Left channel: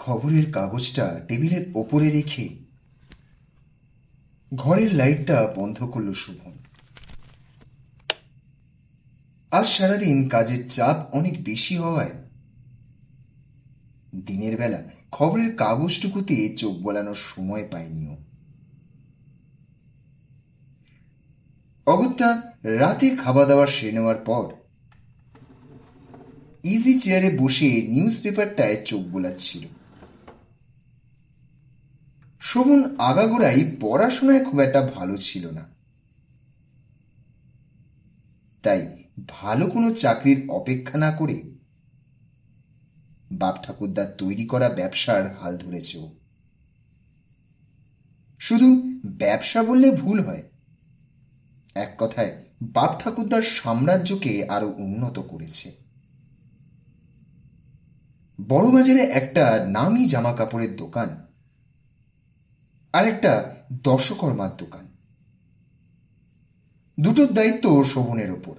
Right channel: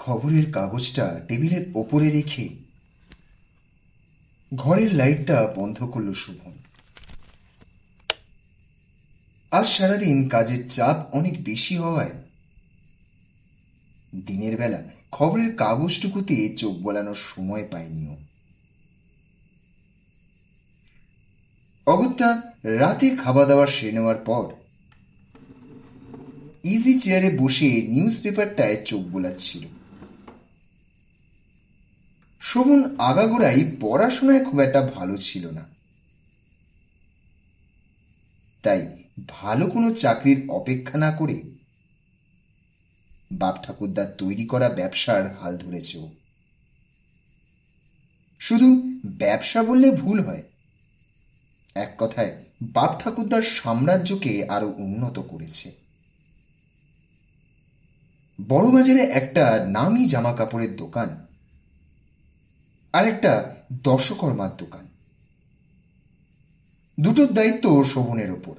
খবরের কাগজটা টেবিলের ওপরে রেখে ঘরের লাইটটা বন্ধ করল শোভন। আজ সারাদিন কাজের চাপ অনেক বেশি হওয়ায় দিনের বেলা খবরের কাগজটুকুতে চোখ বোলানোর সময় পায়নি ও। অগত্যা রাতে খাওয়া দাওয়া সেরে নেওয়ার পর ইজি চেয়ারে বসে নিউজ পেপারটায় চোখ বোলাচ্ছিল। শোভন আগাগোড়াই পড়াশোনায় খুব একটা ভালো ছিল না, তাই ভালো কোনো চাকরির অপেক্ষা না করে বাপ ঠাকুরদার তৈরি করা ব্যবসার হাল ধরেছে ও। শুধু ব্যবসা বললে ভুল হয়, এক কথায় বাপ ঠাকুরদার সাম্রাজ্যকে আরো উন্নত করেছে। বড়বাজারে একটা নামি জামা কাপড়ের দোকান আর একটা দশকর্মার দোকান, দুটোর দায়িত্ব শোভনের ওপর।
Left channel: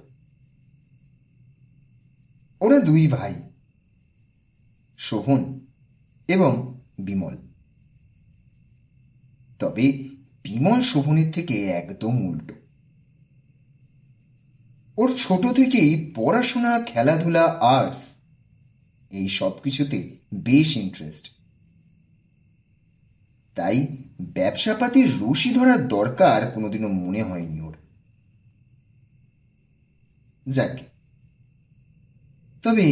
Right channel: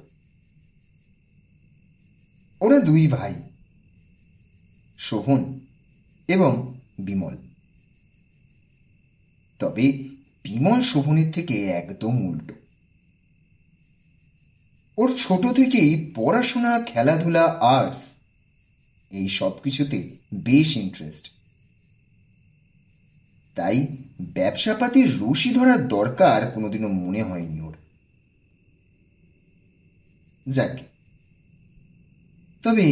ওরা দুই ভাই, শোভন এবং বিমল। তবে বিমল শোভনের থেকে একদম উল্টো। ওর ছোট থেকেই পড়াশোনা, খেলাধুলা, আর্টস এই সব কিছুতে বেশ ইন্টারেস্ট, তাই ব্যবসাপাতির রশি ধরার দরকার কোনোদিনও মনে হয়নি ওর। যাকে তবে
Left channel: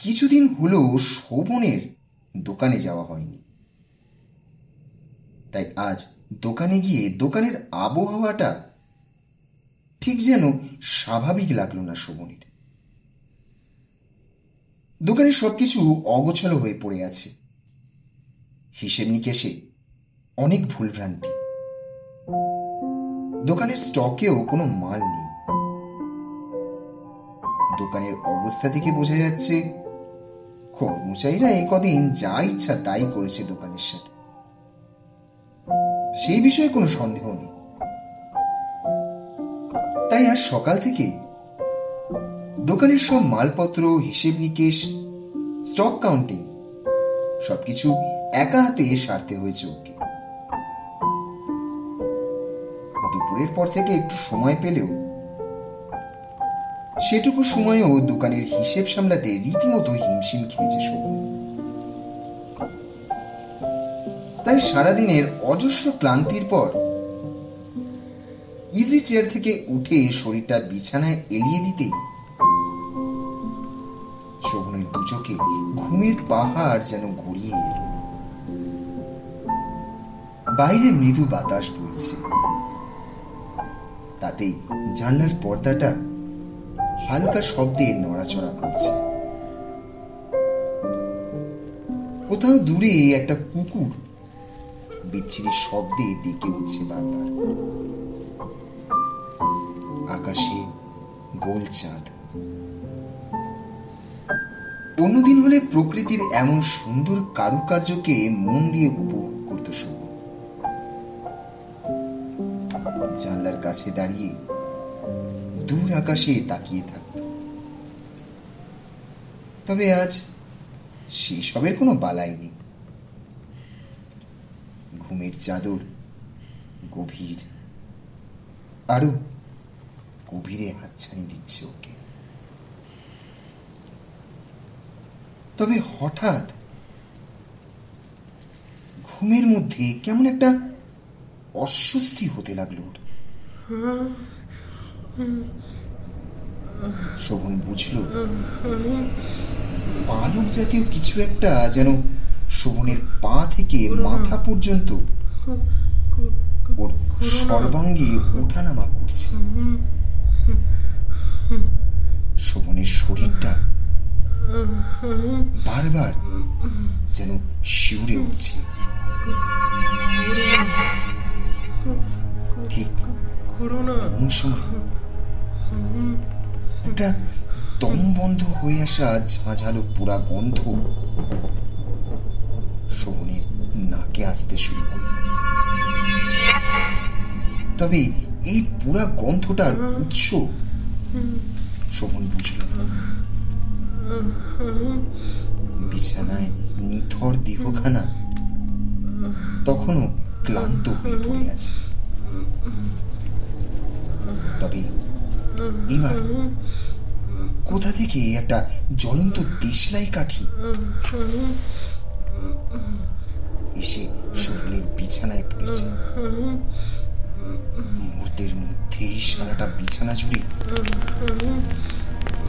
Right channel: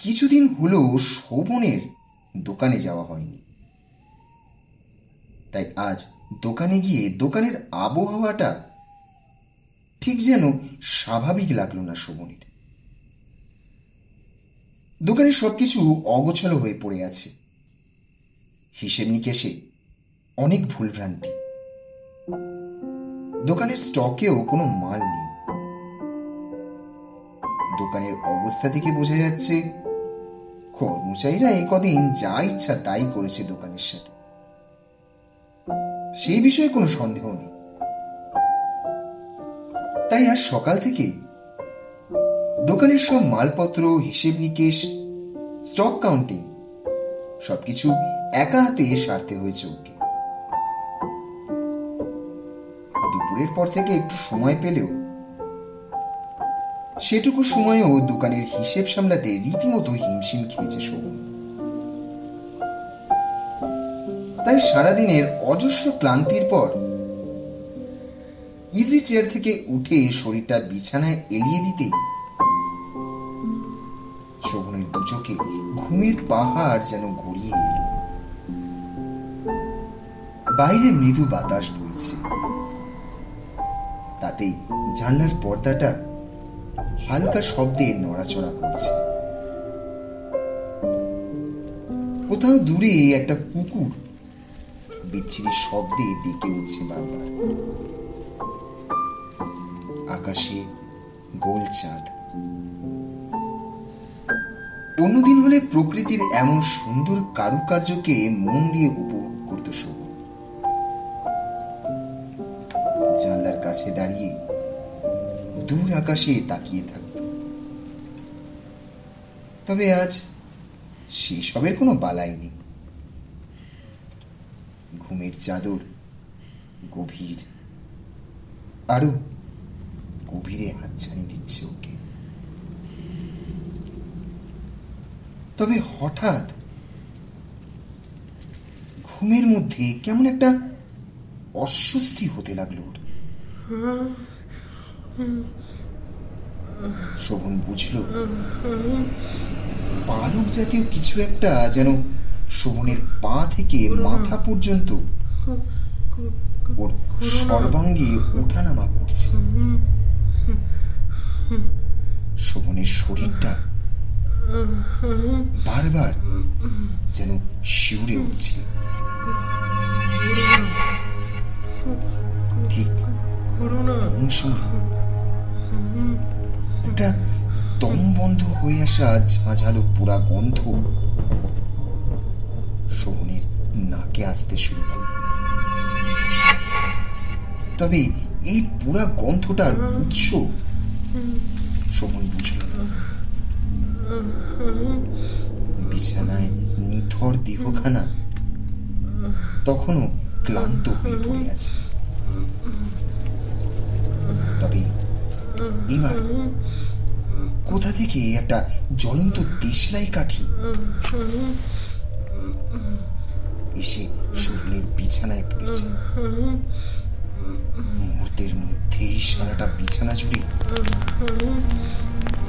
কিছুদিন হলো শোভনের দোকানে যাওয়া হয়নি, তাই আজ দোকানে গিয়ে দোকানের আবহাওয়াটা ঠিক যেন স্বাভাবিক লাগলো না শোভনের। দোকানে সবকিছু অগোছালো হয়ে পড়ে আছে, হিসেব নিকেশে অনেক ভুলভ্রান্তি, দোকানের স্টকেও কোনো মাল নেই। দোকানের অবস্থা থেকে বোঝা যাচ্ছে কর্মচারীরা এই কদিন যা ইচ্ছা তাই করেছে দোকানের সাথে, সেই বিষয়ে কোনো সন্দেহ নেই। তাই আজ সকাল থেকেই দোকানের সব মালপত্র, হিসেব নিকেশ, স্টক কাউন্টিং সবকিছু একা হাতে সারতে হয়েছে ওকে। দুপুরের পর থেকে একটু সময় পেলেও সেটুকু সময়ও দোকানের হিসেব সামলাতে রীতিমতো হিমশিম খেয়েছে শোভন। তাই সারাদিনের অজস্র ক্লান্তির পর ইজি চেয়ার থেকে উঠে শরীরটা বিছানায় এলিয়ে দিতেই শোভনের দু চোখে ঘুমের পাহাড় যেন গড়িয়ে এলো। বাইরে মৃদু বাতাস বইছে, তাতেই জানলার পর্দাটা হালকা শব্দে নড়াচড়া করছে। কোথাও দূরে একটা কুকুর বিচ্ছিরি শব্দে ডেকে উঠছে বারবার। আকাশে গোল চাঁদ। অন্যদিন হলে প্রকৃতির এমন সুন্দর কারুকার্যকে মন দিয়ে উপভোগ করত শোভন। জানলার কাছে দাঁড়িয়ে দূর আকাশে তাকিয়ে থাকত। তবে আজ সেসবের কোনো বালাই নেই। ঘুমের চাদর গভীর, আরো গভীরে হাতছানি দিচ্ছে ওকে। তবে হঠাৎ ঘুমের মধ্যে কেমন একটা অস্বস্তি হতে লাগলো ওর। শোভন বুঝল পালক জাতীয় কিছু একটা যেন শোভনের পা থেকে মাথা পর্যন্ত ওর সর্বাঙ্গে ওঠানামা করছে। শোভনের শরীরটা বারবার যেন শিউরে উঠছে। ঠিক কোন সময় একটা দম বন্ধ হয়ে আসা ঝাঁঝালো পোড়া গন্ধ শোভনের নাকে আসতে শুরু করল। তবে এই পোড়া গন্ধটার উৎস শোভন বুঝল না। বিছানায় নিথর দেহখানা তখনও ক্লান্ত হয়ে পড়ে আছে। তবে এবার কোথা থেকে একটা জ্বলন্ত দেশলাই কাঠি এসে শোভনের বিছানায় পড়েছে। মুহূর্তের মধ্যেই সারাটা বিছানা জুড়ে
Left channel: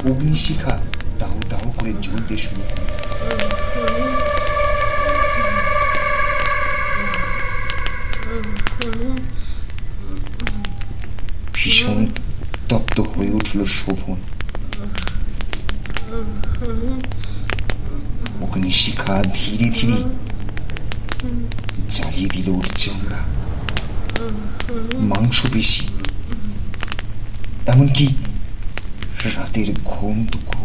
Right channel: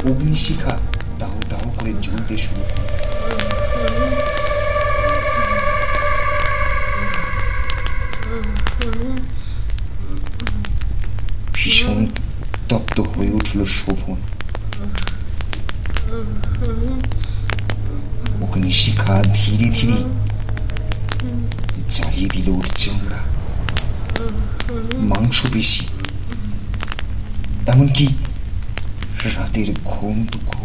অগ্নিশিখা দাও দাও করে জ্বলতে শুরু করল। ভীষণ তপ্ত হয়ে উঠল শোভন। অগ্নিশিখা ধীরে ধীরে জ্বালিয়ে দিল ওর চামড়া, মাংসপেশি, এমনকি রাতের ঘুমটুকু।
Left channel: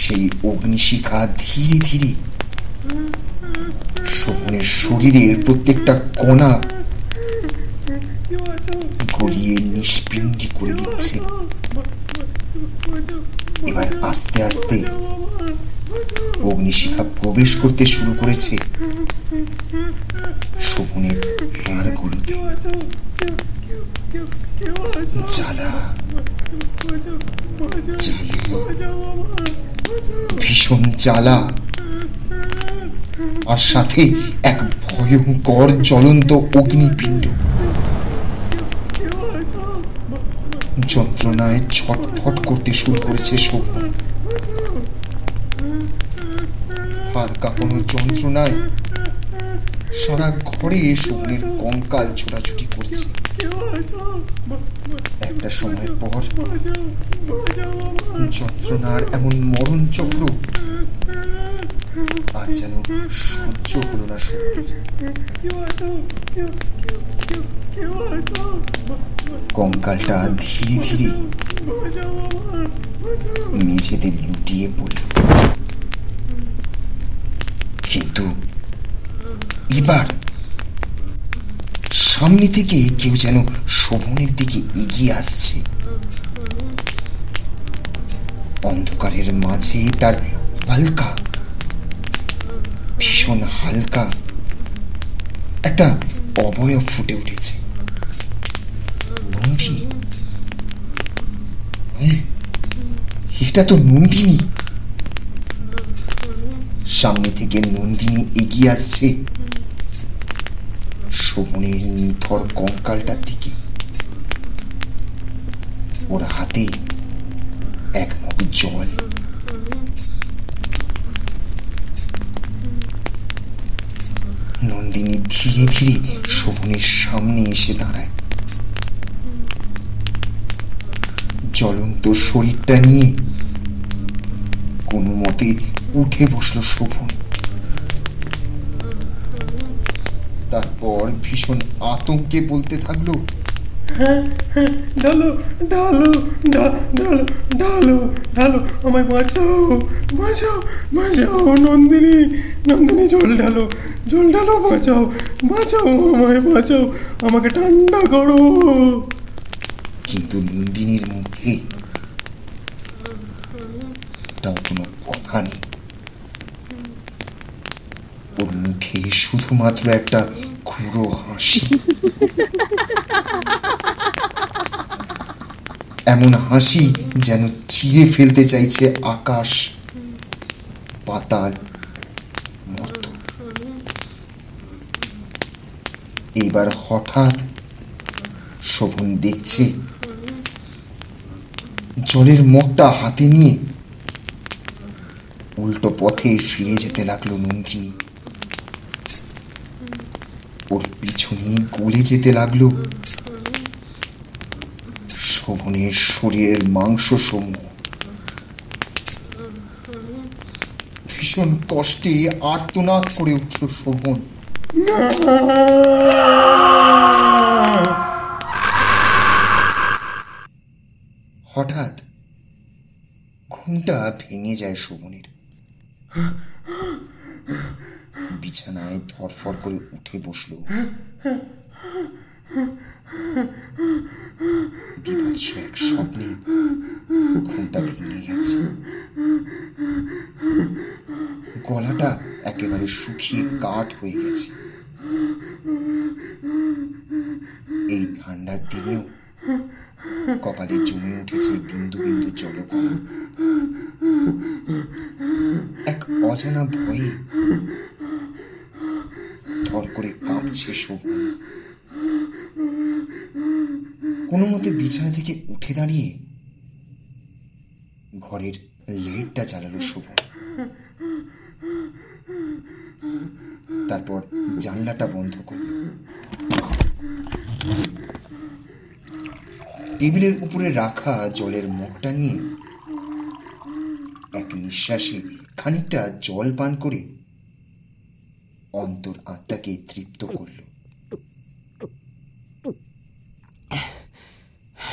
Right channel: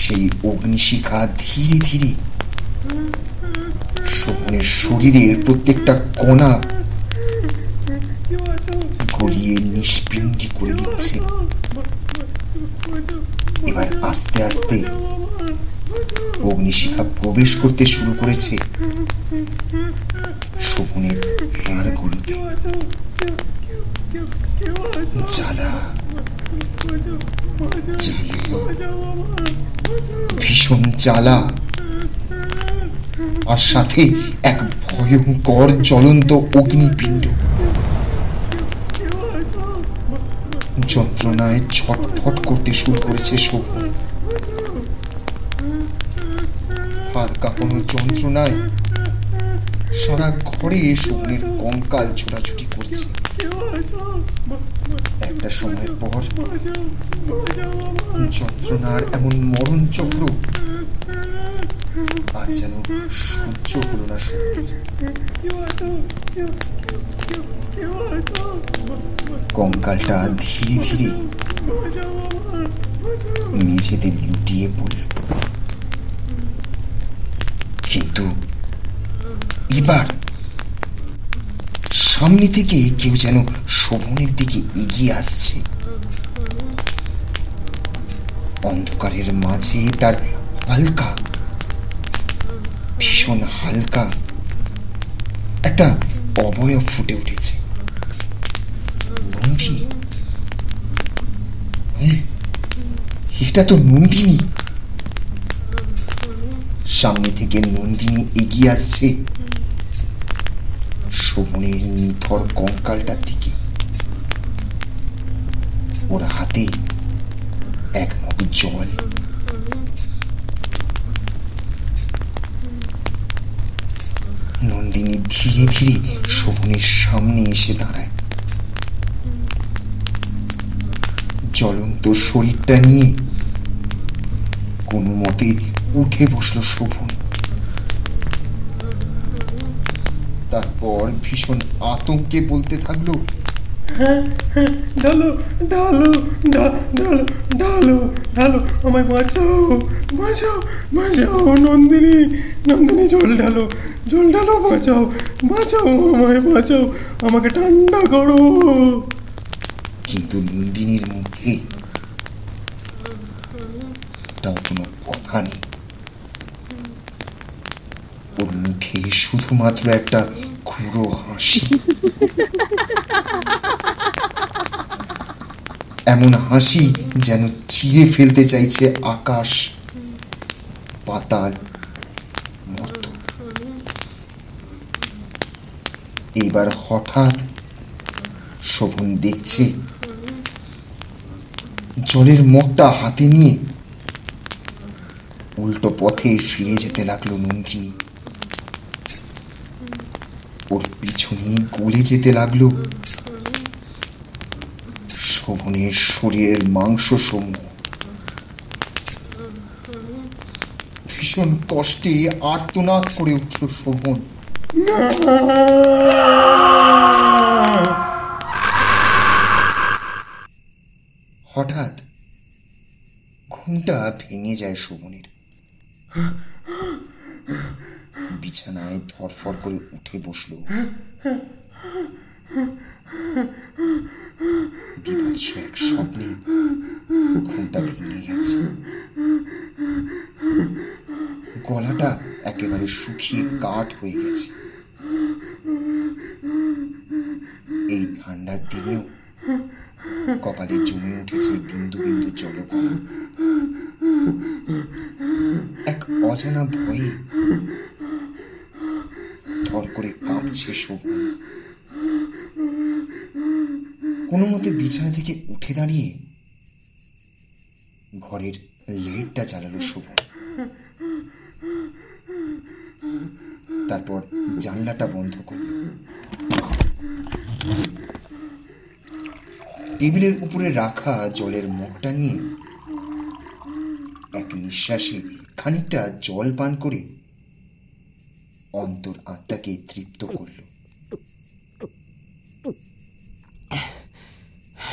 সেই অগ্নিশিখা ধীরে ধীরে শোভনের শরীরের প্রত্যেকটা কণা গলিয়ে নিষ্পিণ্ডি করে দিচ্ছে। এবার আস্তে আস্তে অগ্নিশিখা প্রবেশ করতে শুরু করেছে শোভনের হাড়গুলোতে। জ্বালা, ভীষণ জ্বালা, আর সাথে এক ভয়ঙ্কর জ্বলন্ত অগ্নিপিণ্ড। যন্ত্রণায় ছটফট করতে শুরু করেছে শোভন। আর কাঁপানো যন্ত্রণায় সারা ঘরে শোভনের কঙ্কাল ছোটাছুটি করছে। একটা সময় পর যন্ত্রণার এমন মরণ চক্র আর যেন সহ্য হলো না শোভনের। কঙ্কালটা ধীরে ধীরে মেঝেতে লুটিয়ে পড়ল। কিন্তু এবার সামনে থেকে কেউ যেন শোভনের দিকে এগিয়ে আসছে। অন্ধকারের মাঝে তার হালকা, ভীষণ হালকা একটা অবয়ব ফুটে উঠেছে। নন্দিনী, এটা তো নন্দিনী। সামনে থেকে নন্দিনী এগিয়ে আসছে শোভনের নিথর কঙ্কালটার দিকে। ওর হাতে এক মগ জল। নন্দিনী ধীরে ধীরে শোভনের সামনে এসে দাঁড়ায়। জ্বলন্ত শরীরটা নিয়ে কোনো মতে উঠে বসল শোভন। তারপর ভীষণ আতঙ্কে বলতে থাকলো, ঢালো ঢালো ঢালো ঢালো ঢালো, আমায় বাঁচাও বাঁচাও বাঁচাও, নন্দিনী নন্দিনী, জল ঢালো জল ঢালো, বাঁচাও বাঁচাও, আমায় বাঁচাও, আমাকে ঠান্ডা করো। কিন্তু নন্দিনীর মুখে তার কোনো কথা নেই। ওর মুখে শুধুমাত্র একটা ক্রূর হাসি। এমন হাসি যেন চিরে ফেলতে চাইছে আকাশ, পাতাল, মর্ত। এবার হঠাৎ শোভন দেখছে জলের মগটা হাতে নিয়ে উল্টো পথে ফিরে যেতে লাগলো নন্দিনী। ওর পিছনে গলে যেতে লাগলো শোভনের শরীরের মাংস সমূহ। ভীষণ কষ্টে আর্তনাদ করে উঠল শোভন। হঠাৎ ঘুমটা ভেঙে যায় শোভনের। বিছানায় ধরফর করে উঠে বসল। বিভৎস এক স্বপ্নে ঘুমটা ভেঙে গেছে। একেবারে শুকিয়ে কাঠ হয়ে গেছে। এই ঠান্ডার দিনেও কপালে জমে উঠেছে বিন্দু বিন্দু জলকণা। এক অজানা ভয়ে থর করে কাঁপছে শোভন। কোনো মতে বিছানা থেকে উঠে দাঁড়িয়ে ঘরের লাইটটা জ্বালালো শোভন। তারপর জানলাটা বন্ধ করল। টেবিলের উপরে রাখা জলের মগটা নিয়ে এক নিঃশ্বাসে খানিকটা জল পান করে অন্তর আত্মাকে তৃপ্ত করল।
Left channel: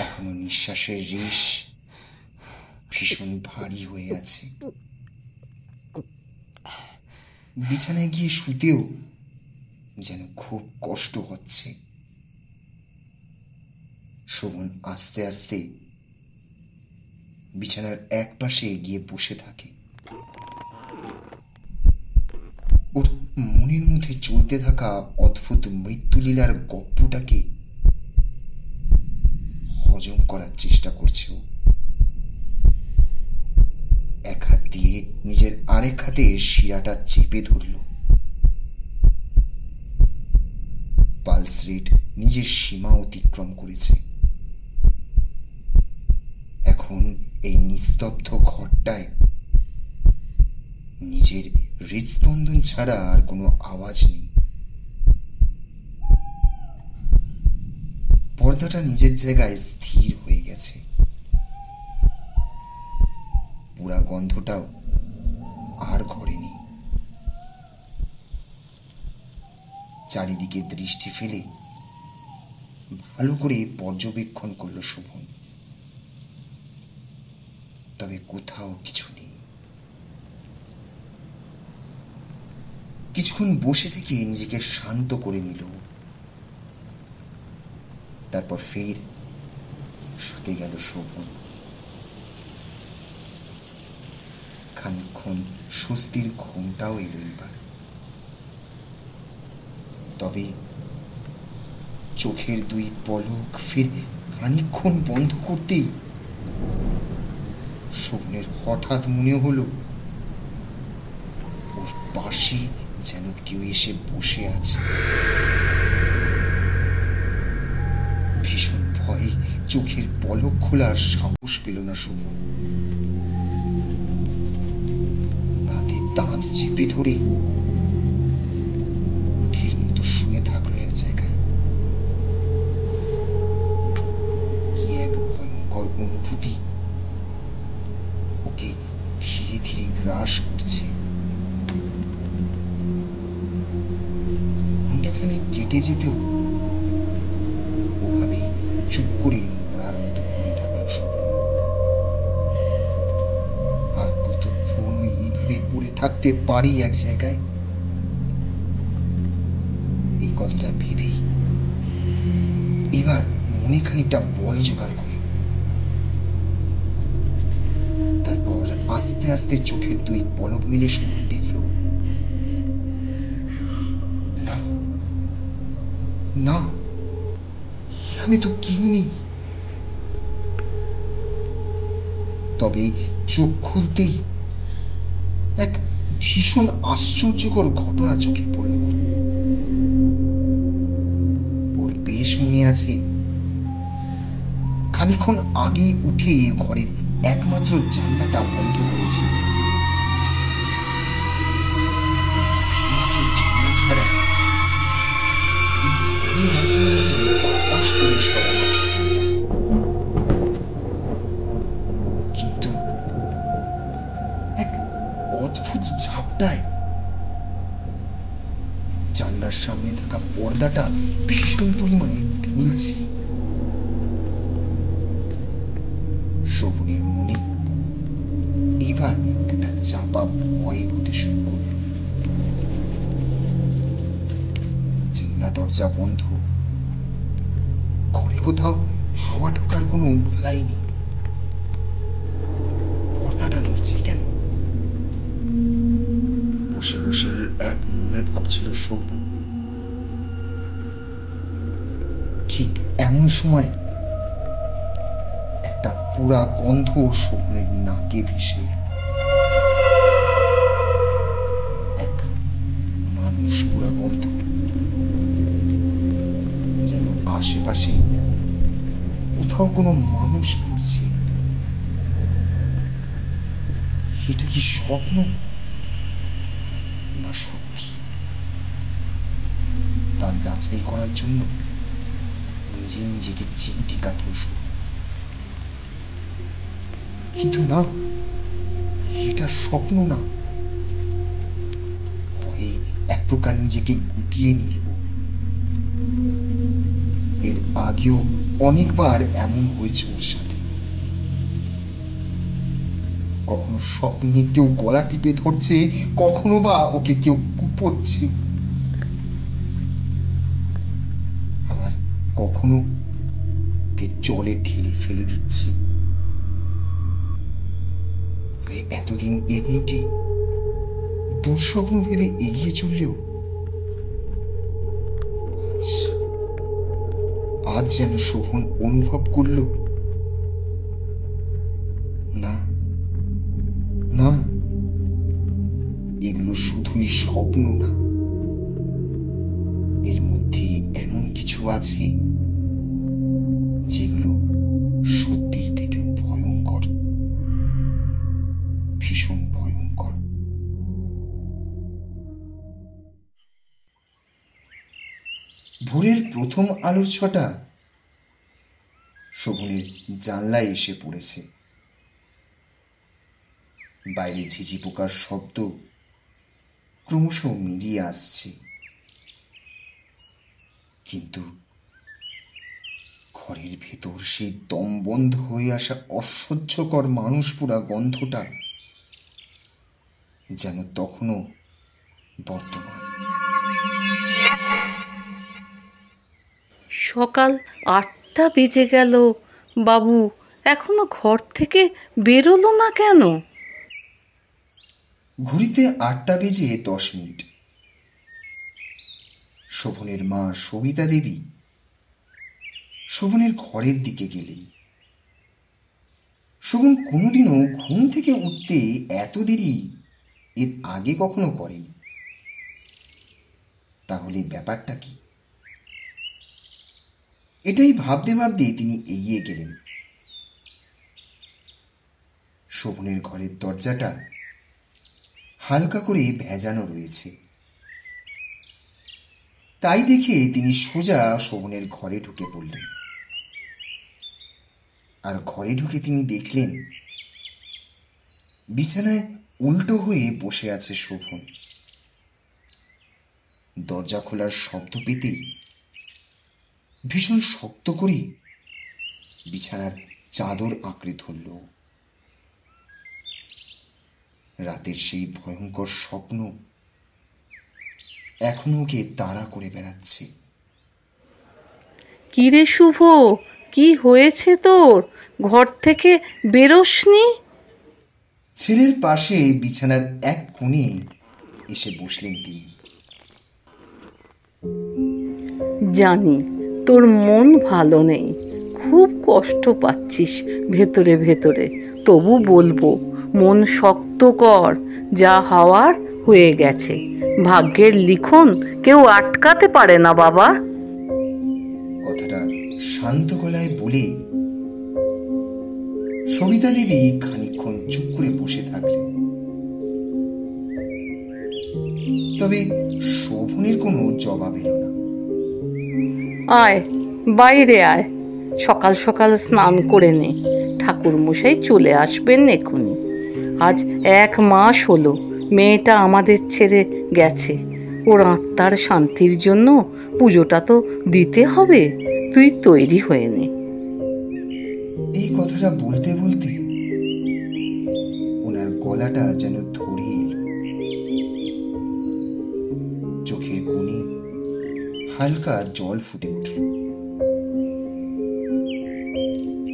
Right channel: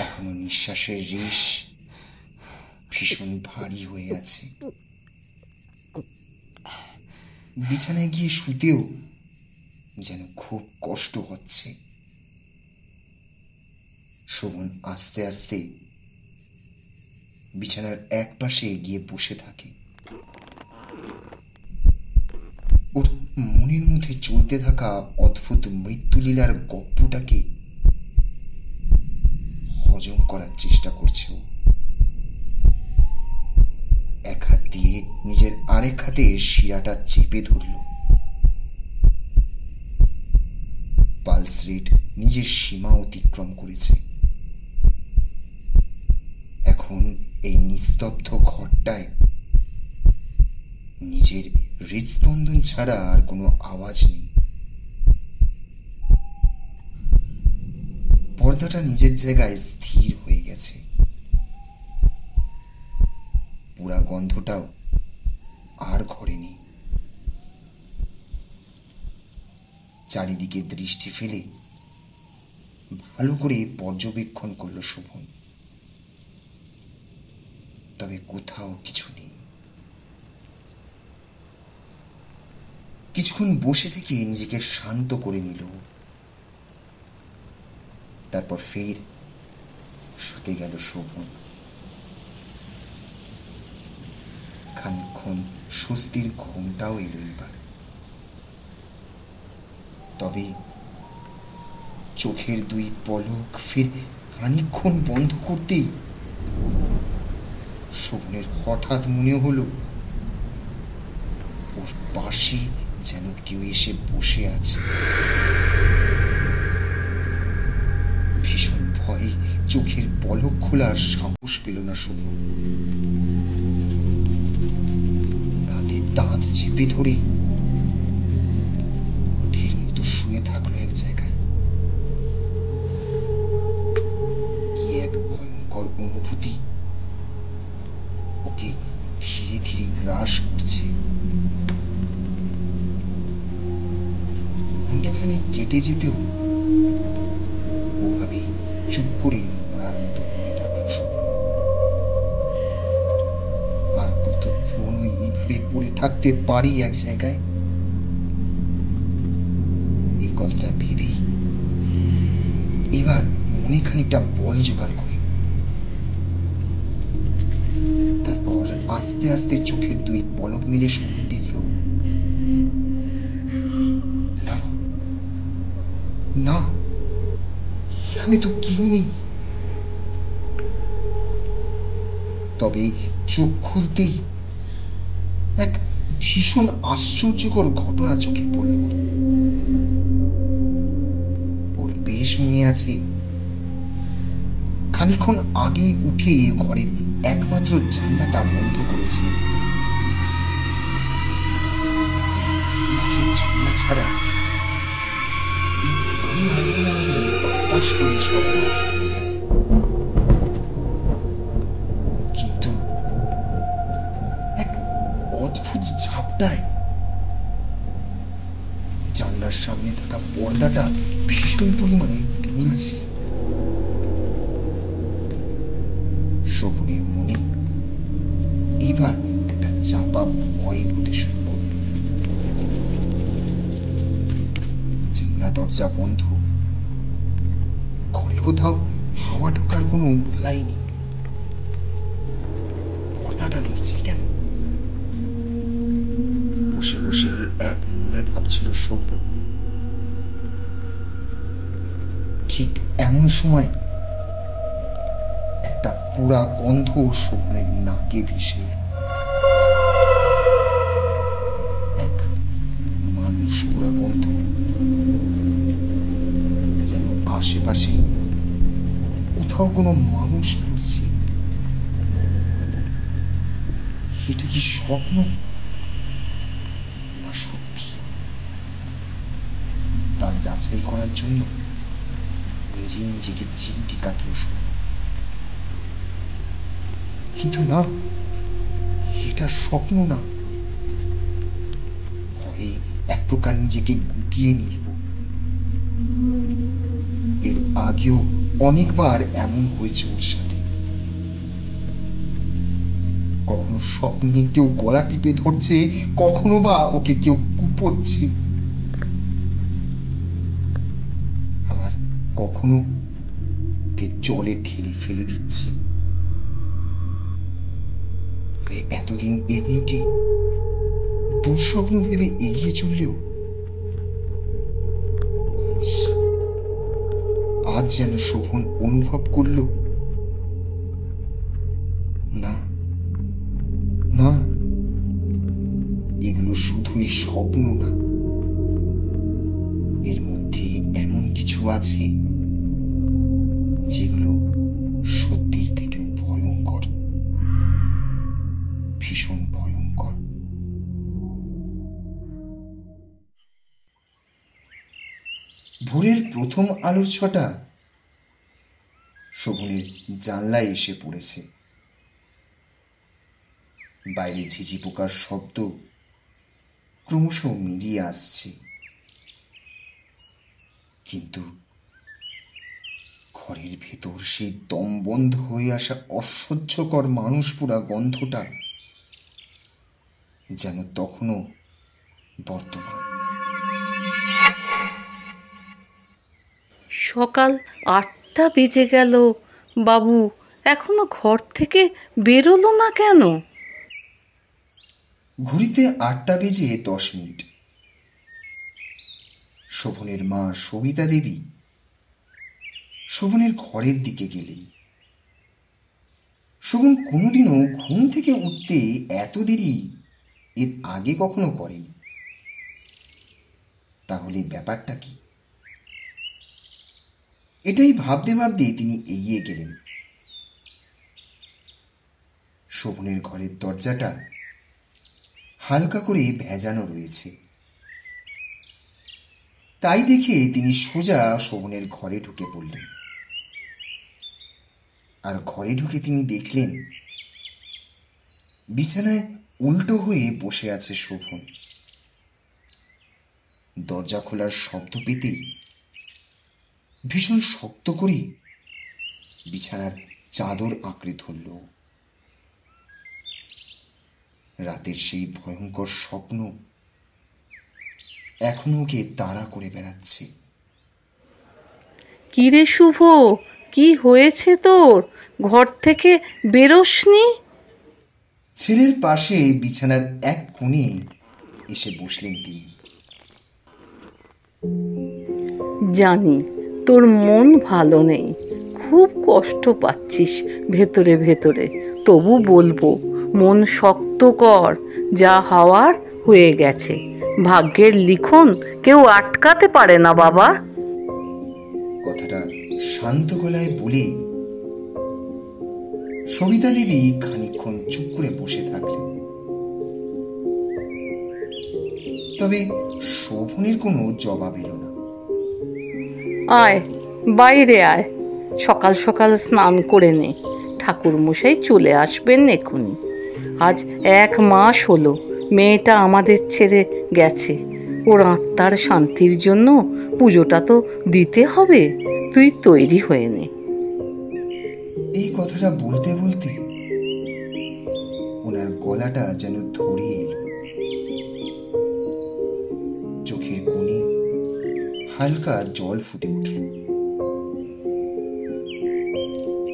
এখনো নিঃশ্বাসের রেশ ভীষণ ভারী হয়ে আছে। বিছানায় গিয়ে শুতেও যেন খুব কষ্ট হচ্ছে। শোভন আস্তে আস্তে বিছানার এক পাশে গিয়ে বসে থাকে। ওর মনের মধ্যে চলতে থাকা অদ্ভুত মৃত্যুলীলার গপ্পটাকে হজম করার চেষ্টা করছে ও। এক হাত দিয়ে নিজের আরেক হাতে শিরাটা চেপে ধরল। পালস রেট নিজের সীমা অতিক্রম করেছে। এখন এই নিস্তব্ধ ঘরটায় নিজের হৃদস্পন্দন ছাড়া আর কোনো আওয়াজ নেই। পর্দাটা নিজের জায়গায় স্থির হয়ে গেছে। পুরা গন্ধটাও আর ঘরে নেই। চারিদিকে দৃষ্টি ফেলে ভালো করে পর্যবেক্ষণ করল শোভন। তবে কোথাও কিছু নেই। কিছুক্ষণ বসে থেকে নিজেকে শান্ত করে নিল। তারপর ফের শুতে গেল শোভন। খানিকক্ষণ স্বস্তির ঘুমটাও এলো এবার। তবে চোখের দুই পলক ফের খানিকক্ষণ বন্ধ করতেই শোভনের হঠাৎ মনে হলো ওর পাশে যেন কেউ এসে বসে আছে। ভীষণ ভয়ে চোখের পলক খোলার সাহস পেল না শোভন। দাঁতে দাঁত চেপে ধরে ঢের মতো শুয়ে থাকলো এক জায়গায়। কি এক ভয়ঙ্কর অনুভূতি ওকে ধীরে ধীরে গ্রাস করছে। ঘন্টাখানে কেটে যেতেও ওভাবে চুপ করে মরার মতো পড়ে থাকলো শোভন। আর কতক্ষণ এইভাবে পড়ে থাকতে পারি এক জায়গায়? এই কথাটা ভেবেই এবার মনে খানিকটা বল জোগাড় করে তারপর আস্তে আস্তে চোখের দুই পলক মিলে শোভন দেখল না, না, এখানে তো কেউ নেই। তবে চোখ খুলতেই এক ভীষণ আশ্চর্যকর ঘটনা চোখে পড়ল। ওর বেশ মনে আছে খানিকক্ষণ আগে উঠে ঘরের একমাত্র জানলাটা বন্ধ করেছিল। জানলা ছাড়া কিন্তু এক অদ্ভুত ঝাপটায় জানলার সামনে থাকা পর্দাটা ভীষণ পরিমাণে দুলছে। শোভনের মনে এবার একটা চাপা ভয় হতে শুরু করল। জানলা দরজা বন্ধ, ঘরে কোথাও হাওয়া ঢোকার কোনো উপায় নেই। পর্দাটা নড়ছে কেন? বসে বসে এক মনে ভাবছিল শোভন। ঠিক এমন সময় একটা পোড়া গন্ধ শোভনের নাকে ভেসে এলো। এক মানুষ পোড়া গন্ধ, যেন আশেপাশে কোথাও কোনো মানুষ পড়ছে। এটা কি স্বপ্ন না সত্যি, তা যাচাই করার জন্য নিজেই নিজেকে চিমটি কাটল শোভন। কিন্তু না, এটা স্বপ্ন না, ভয়ে এক প্রকার নিজেকে গুটিয়ে নিল। এর আগেও অনেকবার এমন হয়েছে ওর সাথে। কখনো স্বপ্নে কেউ গলা টিপে ধরছে, কখনো বা ওকে কেউ কুপোচ্ছে, আবার কখনো ওকে জলে ঠেলে ফেলে দিচ্ছে। এতদিন এগুলোকে দুঃস্বপ্ন ভেবে এগিয়ে চললেও আজ যেন শোভন অনুভব করল, না না, এগুলো শুধুই স্বপ্ন না, এর মধ্যে এমন কিছু আছে যেগুলো সত্যির থেকে ভয়ঙ্কর, ভীষণ ভয়ঙ্কর। ভোরের প্রথম আলোর ছটা শোভনের জানলায় এসে পড়েছে। বাইরে ঝিঝি পোকার শব্দ ক্রমশ মিলিয়ে আসছে, কিন্তু ঘরের ভেতর সেই দম বন্ধ হয়ে আসা অসহ্যকর মানুষ পোড়া গন্ধটা যেন তখনও বর্তমান। সকাল 8টা বেজে গেল, বাবু এখনো ঘর থেকে বেরোলো না কেন? ঘড়িতে 8টা বেজে 10 মিনিট। শোভনের মা সবিতা দেবী শোভনের ঘরের দিকে গেলেন। শোভন কোনোদিনও ঘুম থেকে উঠতে এত দেরি এর আগে কখনো করেনি। তাহলে ব্যাপারটা কি? এটাই ভাবতে ভাবতে তিনি এগিয়ে গেলেন। শোভনের ঘরের দরজাটা হালকা করে ভেজানো রয়েছে। তাই দেখে তিনি সোজা শোভনের ঘরে ঢুকে পড়লেন। আর ঘরে ঢুকে তিনি দেখলেন বিছানায় উল্টো হয়ে বসে আছে শোভন। দরজা খোলার শব্দ পেতেই ভীষণ শক্ত করে বিছানার চাদর আঁকড়ে ধরল। রাতের সেই ভয়ঙ্কর স্বপ্ন এখনো ওকে তাড়া করে বেড়াচ্ছে। কি রে শুভ, কি হয়েছে তোর? ঘর থেকে বেরোসনি? ছেলের পাশে বিছানার এক কোণে এসে বসলেন তিনি। জানি তোর মন ভালো নেই, খুব কষ্ট পাচ্ছিস ভেতরে ভেতরে, তবু বলবো মন শক্ত কর, যা হওয়ার হয়ে গেছে। ভাগ্যের লিখন কেউ আটকাতে পারে না বাবা। কথাটা শান্ত গলায় বলে সবিতা দেবী খানিকক্ষণ চুপ করে বসে থাকলেন। তবে শোভনের কোনো জবাব এলো না। আয়, বাইরে আয়, সকাল সকাল স্নান করে নে, ঠাকুর মশাই চলে আসবেন এক্ষুনি। আজ 1 মাস হলো মেয়েটা আমাদের ছেড়ে গেছে, ওর আত্মার শান্তির জন্য পুজোটা তো দিতে হবে, তুই তৈরি হয়ে নে। এই কথাটা বলতে বলতে ওনার গলাটা যেন ধরে এলো। চোখের কোণে হালকা জল ফুটে উঠল।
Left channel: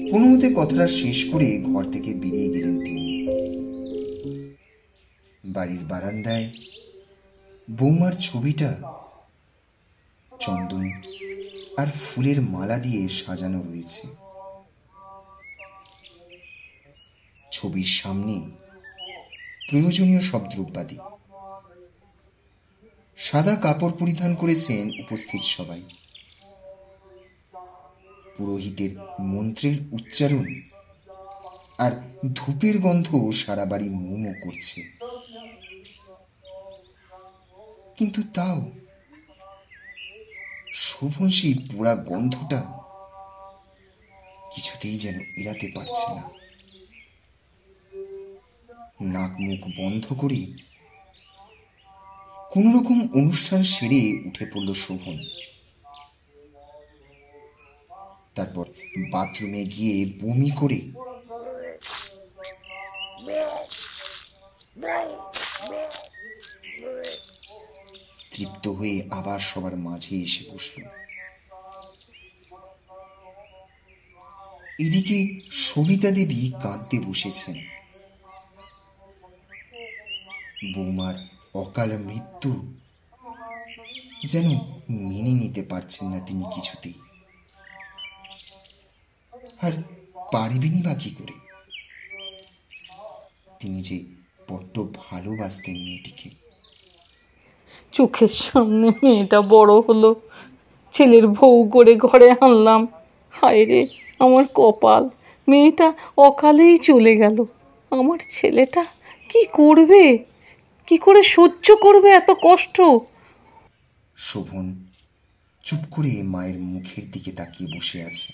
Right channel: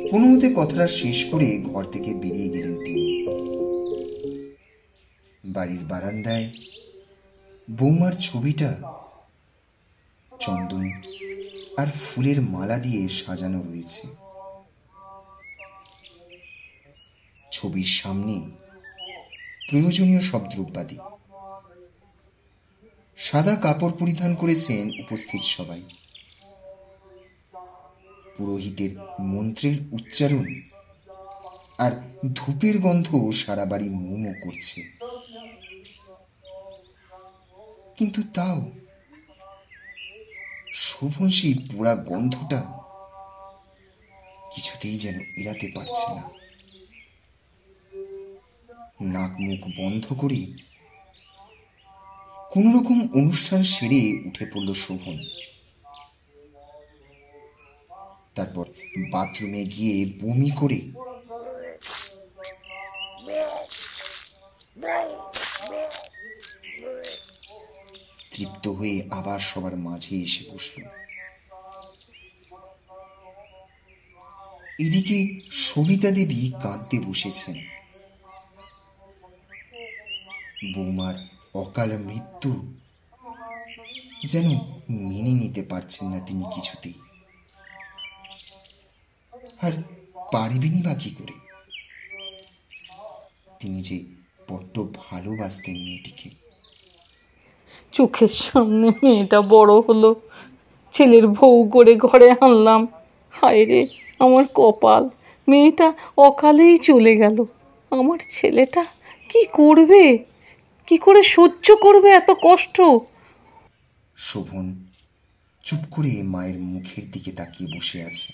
কোনো মতে কথাটা শেষ করে ঘর থেকে বেরিয়ে গেলেন তিনি। বাড়ির বারান্দায় বৌমার ছবিটা চন্দন আর ফুলের মালা দিয়ে সাজানো রয়েছে। ছবির সামনে প্রয়োজনীয় সব দ্রব্যাদি। সাদা কাপড় পরিধান করেছেন উপস্থিত সবাই। পুরোহিতের মন্ত্রের উচ্চারণ আর ধূপের গন্ধ সারা বাড়ি মোমো করছে। কিন্তু তাও শোভন সেই পোড়া গন্ধটা কিছুতেই যেন এড়াতে পারছে না। নাক মুখ বন্ধ করে কোন রকম অনুষ্ঠান সেরে উঠে পড়ল শোভন। তারপর বাথরুমে গিয়ে বমি করে তৃপ্ত হয়ে আবার সবার মাঝে এসে বসল। এদিকে সবিতা দেবী কাঁদতে বসেছেন। বৌমার অকাল মৃত্যু যেন মেনে নিতে পারছেন না তিনি কিছুতেই। আর পারবেনই বা কি করে? তিনি যে বড্ড ভালোবাসতেন মেয়েটিকে। চোখের সামনে মেয়েটা বড় হলো, ছেলের বউ করে ঘরে আনলাম। হায় রে আমার কপাল, মেয়েটা অকালেই চলে গেল। আমার ছেলেটা কি করবে, কি করে সহ্য করবে এত কষ্ট? শোভন চুপ করে মায়ের মুখের দিকে তাকিয়ে বসে আছে।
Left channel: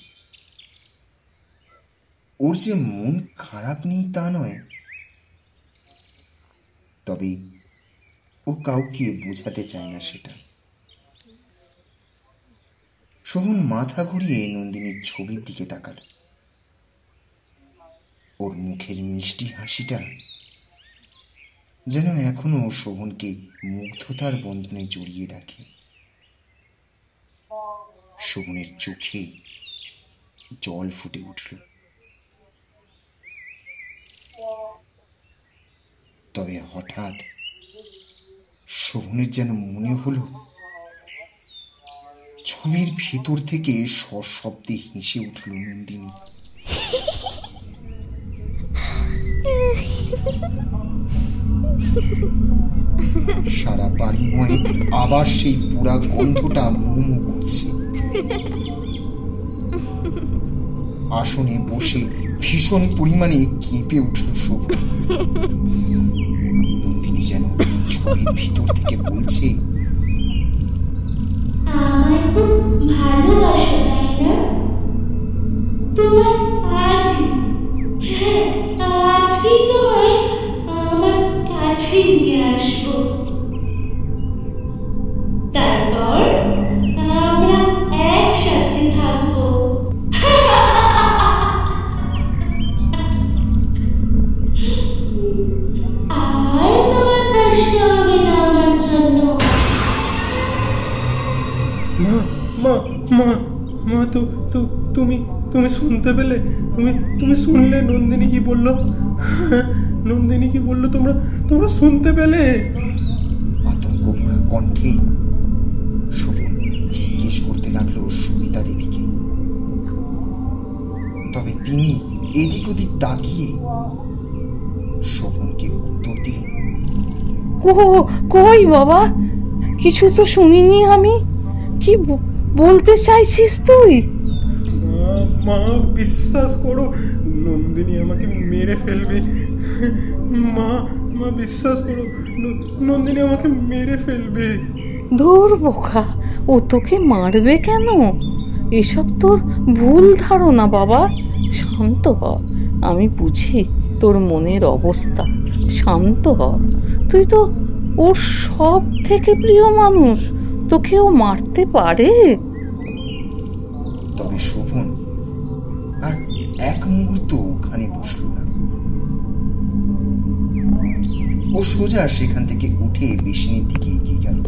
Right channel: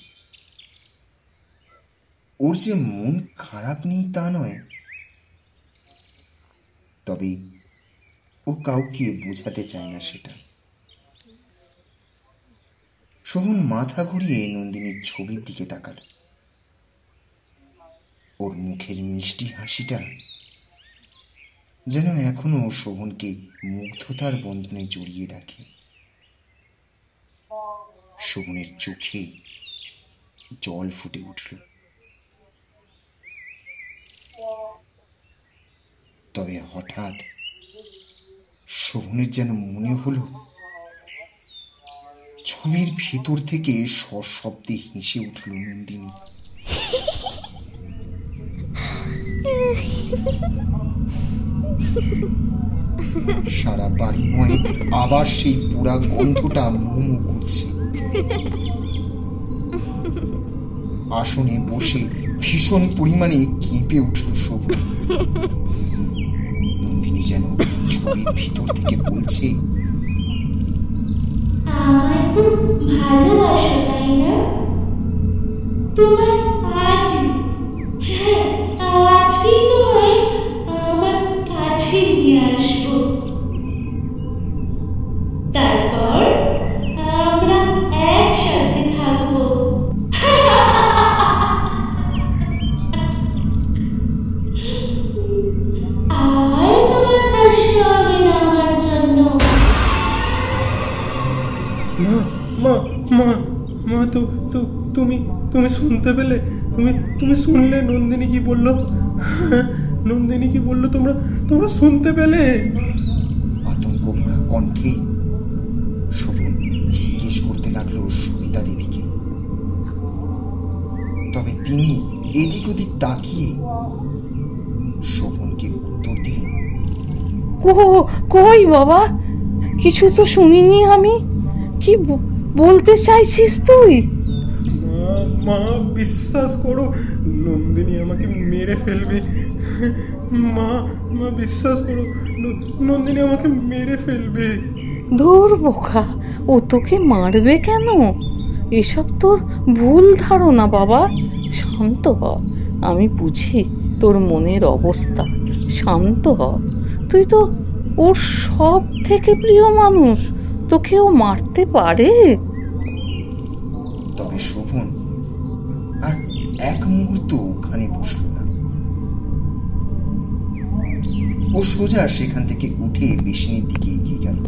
ওর যে মন খারাপ নেই তা নয়, তবে ও কাউকে বোঝাতে চায় না সেটা। শোভন মাথা ঘুরিয়ে নন্দিনীর ছবির দিকে তাকাল। ওর মুখের মিষ্টি হাসিটা যেন এখনো শোভনকে মুগ্ধতার বন্ধনে জড়িয়ে রাখে। শোভনের চোখে জল ফুটে উঠল। তবে হঠাৎ শোভনের যেন মনে হলো ছবির ভেতর থেকে সশব্দে হেসে উঠল নন্দিনী। সারা বাড়ি নয়, আবার সেই পোড়া গন্ধটা মোমো করছে। আসনে বসে ভীষণ পরিমাণে কেঁপে উঠল শোভন। নন্দিনী যেন ছবির ভিতর থেকে বলছে, আমায় খুব ভালোবাসো তাই না? তোমায় আজই, হ্যাঁ আজকেই তোমায় আমার কাছে নিয়ে আসবো। তারপর আমরা একসাথে থাকবো। আর তোমার কষ্ট হবে না আমার জন্য। মা মা মা মা তো তো তুমি তুমি শুনতে পেলে? তুমি শুনলে নন্দিনী কি বললো? নন্দিনী কি বললো? তোমরা শুনতে পেলে? আতঙ্ক ভরা কণ্ঠে শোভন জিজ্ঞেস করতে লাগলো সবিতা দেবীকে। তবে তিনি এদিক ওদিক তাকিয়ে শোভনকে উত্তর দিলেন, কই বাবা, কিছু তো শুনিনি আমি। কি বলতে চাইছিস তুই? মা বিশ্বাস করো, নন্দিনী আমাকে মেরে ফেলবে। মা বিশ্বাস করো, নন্দিনী আমাকে মেরে ফেলবে। ধুর বোকা, ও তোকে মারবে কেন? এসব তোর ভুল ধারণা বাবা। শান্ত হ, আমি বুঝি তোর মনের অবস্থা। শান্ত হ, তুই তো ওর সব থেকে প্রিয় মানুষ, তোকে ও মারতে পারে? তবে শোভন আর এক মুহূর্ত ওখানে বসল না। ও সোজা সেখান থেকে উঠে বেসিনের দিকে এগিয়ে গেল।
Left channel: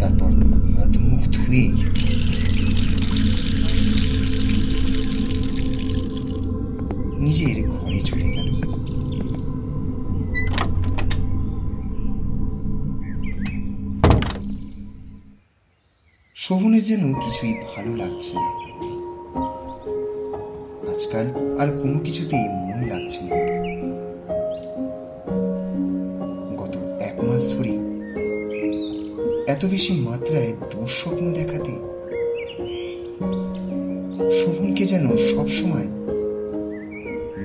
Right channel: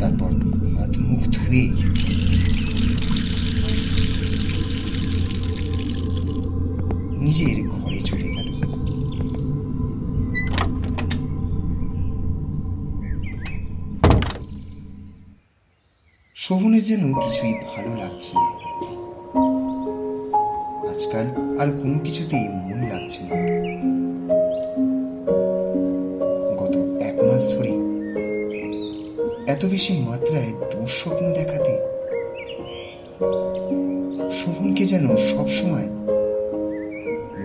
তারপর হাত মুখ ধুয়ে নিজের ঘরে চলে গেল। শোভনের যেন কিছুই ভালো লাগছে না। আজকাল আর কোনো কিছুতেই মন লাগছে না। গত 1 মাস ধরে এত বেশি মাত্রায় দুঃস্বপ্ন দেখাতে শোভনকে যেন সবসময়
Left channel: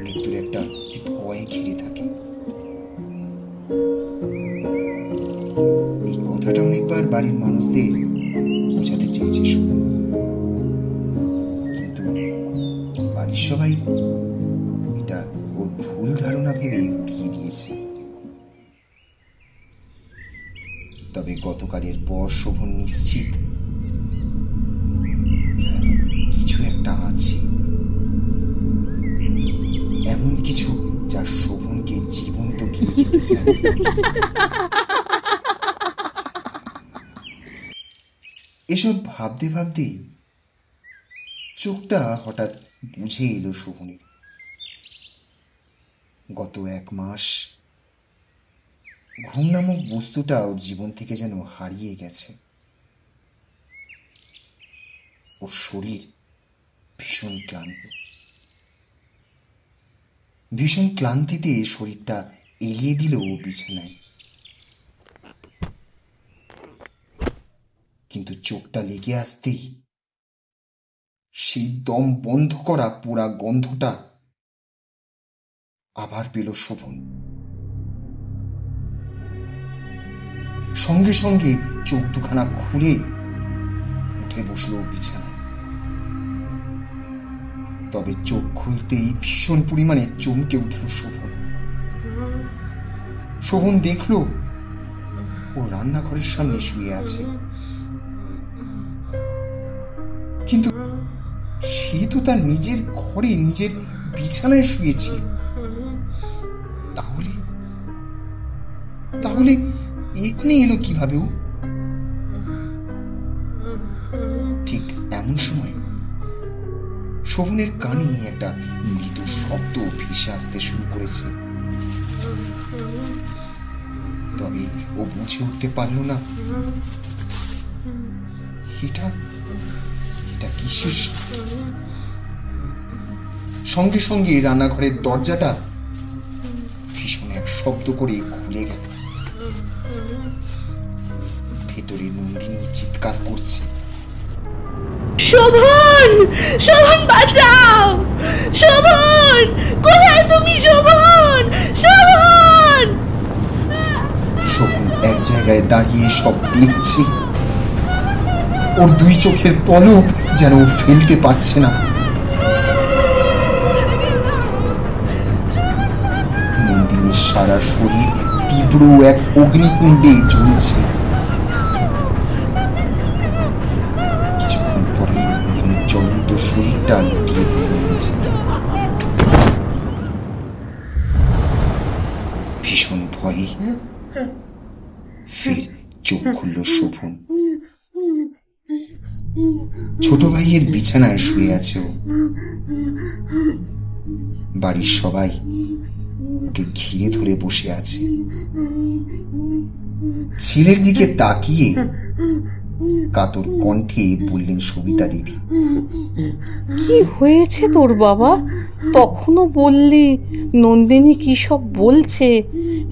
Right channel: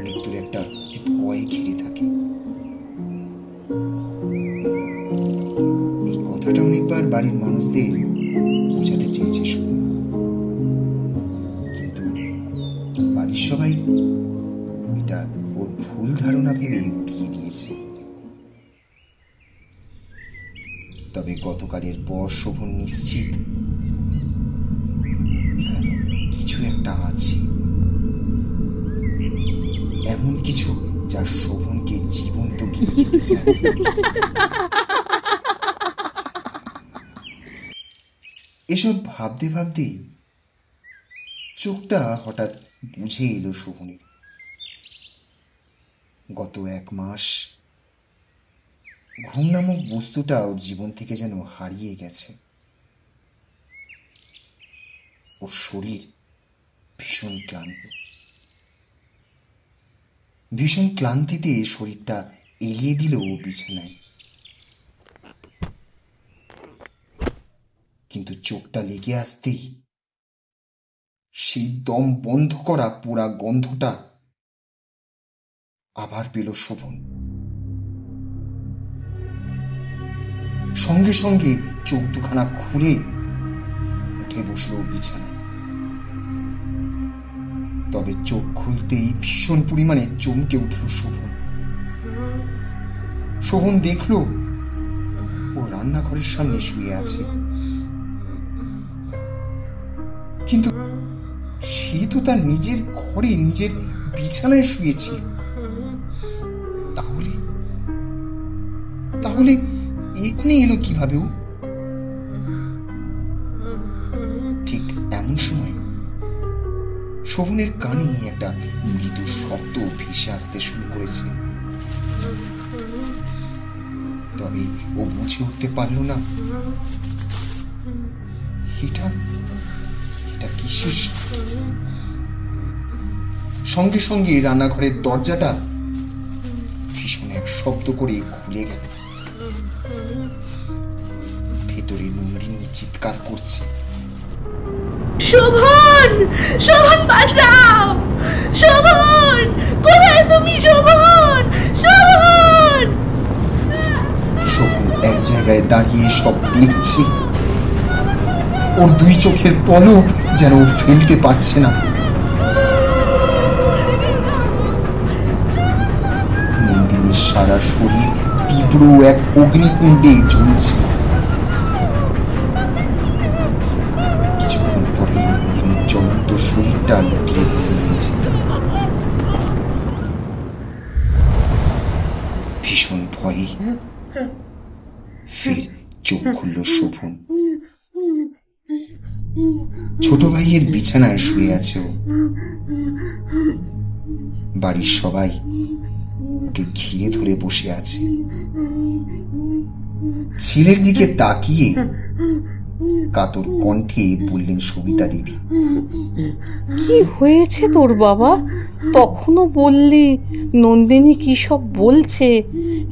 মৃত্যুর একটা ভয় ঘিরে থাকে। এই কথাটা অনেকবার বাড়ির মানুষদের বোঝাতে চেয়েছে শোভন, কিন্তু বাড়ির সবাই এটা ওর ভুল ধারণা ভেবে উড়িয়ে দিয়েছে। তবে গতকালের পর শোভন নিশ্চিত এখানে কিছু একটা আছে, এমন কিছু যা শোভনকে জীবন্ত গিলে খেতে চায়। এসব ভাবতে ভাবতেই চোখটা হঠাৎ বুঝে এলো শোভনের। গত 1 মাস ঘুম নামক বস্তুটা ওর জীবন থেকে যেন হারিয়ে গেছে। ওর শরীর ভীষণ ক্লান্ত, ভীষণ ক্লান্তিতে শরীরটা এলিয়ে দিল বিছানায়। কিন্তু চোখটা লেগে আসতেই সেই দম বন্ধ করা পোড়া গন্ধটা আবার পেল শোভন। সঙ্গে সঙ্গে চোখ দুখানা খুলে উঠে বসল বিছানায়। তবে চোখ খুলতেই ভীষণ পরিমাণে চমকে উঠল শোভন। শোভন দেখল ও রান্নাঘরের সামনে শুয়ে আছে, কিন্তু সে তো তার নিজের ঘরে নিজের বিছানায় শুয়েছে। তাহলে তাহলে এখানে এলো কিভাবে ও? ঠিক এমন সময় শোভনের কানে একটা মৃদু শব্দ ভেসে আসতে শুরু করেছে। তবে ও বুঝে উঠতে পারল না এটা কিসের শব্দ। সঙ্গে সঙ্গে রান্নাঘরের দরজাটা ভীষণ এক শব্দ করে খুলে গেল। ভেতরে নন্দিনী চিৎকার করছে, শোভন, শোভন বাঁচাও, শোভন, কোথায় তুমি শোভন, শোভন। শোভন এক জায়গায় দাঁড়িয়ে সব দেখছে। ওর 2 চোখের পলক যেন ফেলতে পারছে না। নন্দিনীর সারা শরীর তীব্র এক অগ্নিকুণ্ডে জ্বলছে। কিছুক্ষণ পরে নন্দিনীর জ্বলন্ত শরীরটা লুটিয়ে পড়ল মেঝেতে। ভীষণ ভয়ে ফের চোখ খুলল শোভন। ছোট ভাইয়ের বিছানায় শুয়ে আছে ও। বাড়ির সবাই ওকে ঘিরে ধরে বসে আছে। ছেলের দিকে তাকিয়ে কাতর কণ্ঠে বললেন সবিতা দেবী, কি হয়েছে তোর বাবা? তখনও বললি নন্দিনী কি সব বলছে,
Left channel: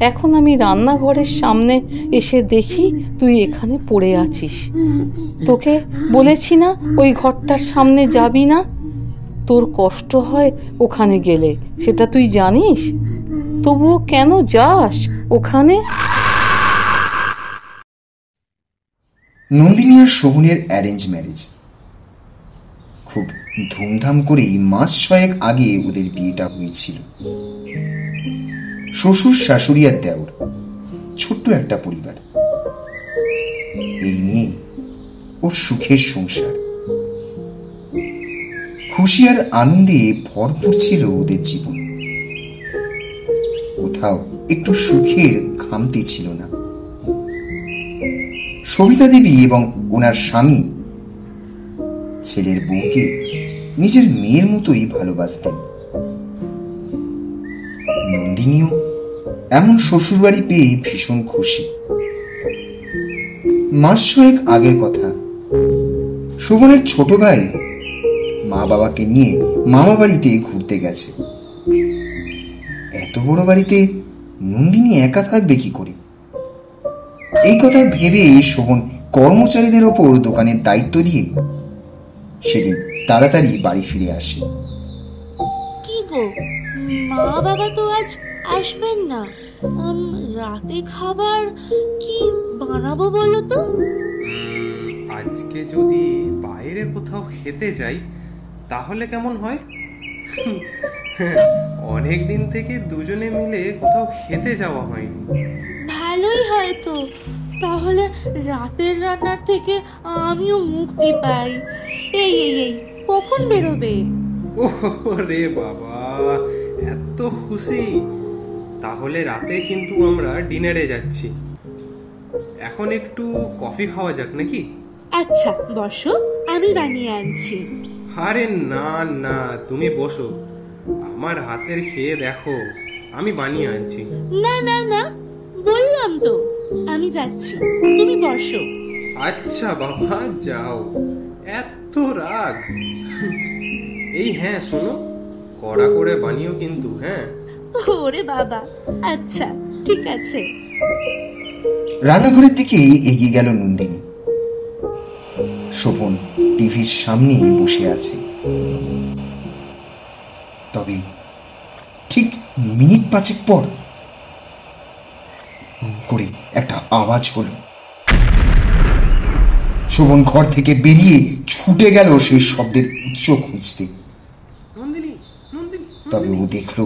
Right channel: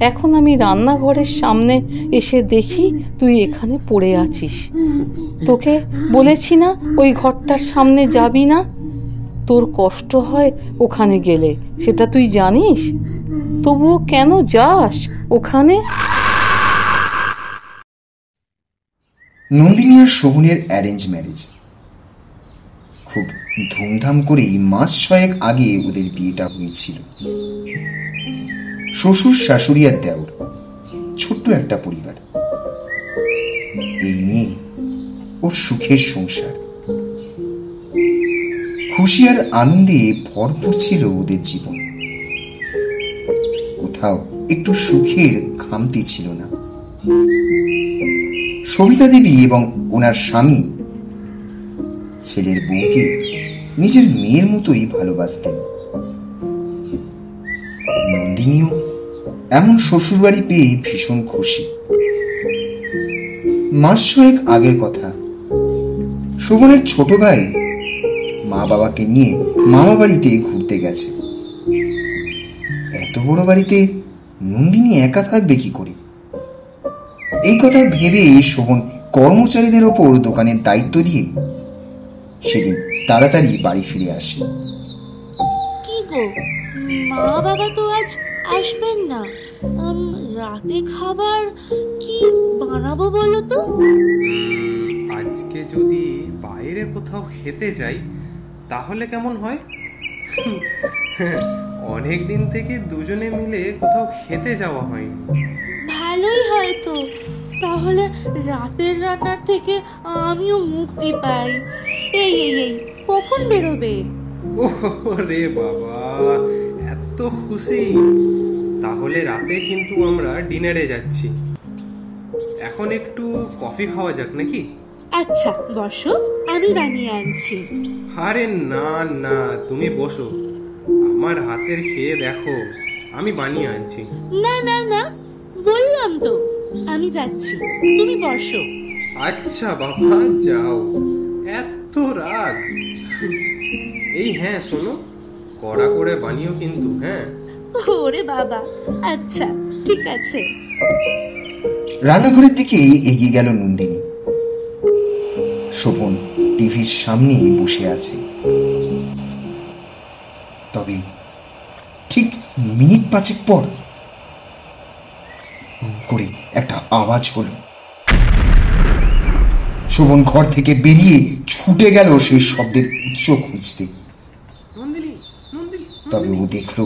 এখন আমি রান্নাঘরের সামনে এসে দেখি তুই এখানে পড়ে আছিস। তোকে বলেছি না ওই ঘরটার সামনে যাবি না? তোর কষ্ট হয় ওখানে গেলে, সেটা তুই জানিস, তবুও কেন যাস ওখানে? নন্দিনী আর শোভনের অ্যারেঞ্জ ম্যারেজ। খুব ধুমধাম করেই 1 মাস আগে ওদের বিয়েটা হয়েছিল। শ্বশুর, শাশুড়ি আর দেওর, ছোট্ট একটা পরিবার। এই নিয়ে ওর সুখের সংসার। খুশি আর আনন্দে ভরপুর ছিল ওদের জীবন। কোথাও একটু সুখের খামতি ছিল না। সবিতা দেবী এবং ওনার স্বামী ছেলের বউকে নিজের মেয়ের মতোই ভালোবাসতেন। নন্দিনীও এমন শ্বশুরবাড়ি পেয়ে ভীষণ খুশি। 1 মাস আগের কথা, শোভনের ছোট ভাই মা বাবাকে নিয়ে মামা বাড়িতে ঘুরতে গেছে। এত বড় বাড়িতে নন্দিনী একা থাকবে কি করে? এই কথা ভেবে শোভন কর্মচারীদের ওপর দোকানের দায়িত্ব দিয়ে সেদিন তাড়াতাড়ি বাড়ি ফিরে আসে। কি গো, মা বাবা তো আজ আসবেন না। রাতে খাবার কি বানাবো বলো তো? আজকে যদি বাইরে কোথাও খেতে যাই তাহলে কেমন হয়? অনেক দিন থেকে দুজনে মিলে কোথাও খেতে যাওয়া হয়নি। ভালোই হয় তো, তাহলে রাতের রান্নার থেকে আমিও মুক্তি পাই। এই এই এই কখন বেরোবে? ও রে বাবা, এত খুশি! তাহলে রাতে কিন্তু আমরা ডিনারে যাচ্ছি। এখন একটু কফি খাওয়া যাক নাকি? আচ্ছা বসো, আমি বানিয়ে আনছি। আরে না না, তুমি বসো, আমার হাতের খেয়ে দেখো, আমি বানিয়ে আনছি। না না না, বললাম তো আমি যাচ্ছি, তুমি বসো। আচ্ছা বাবা, যাও। এত রাগ? এই হ্যাঁ, শোনো, কড়া করে বানিও কিন্তু। হ্যাঁ ওরে বাবা, আচ্ছা ঠিক আছে। রান্নাঘরের দিকে এগিয়ে গেল নন্দিনী। শোভন টিভির সামনে বসে আছে। তবে ঠিক মিনিট 5 পর টুম করে একটা আওয়াজ হলো। শোভন ঘর থেকে বেরিয়ে ছুটে গেল সেই শব্দের উৎস খুঁজতে। নন্দিনী, নন্দিনী। তবে ও দেখল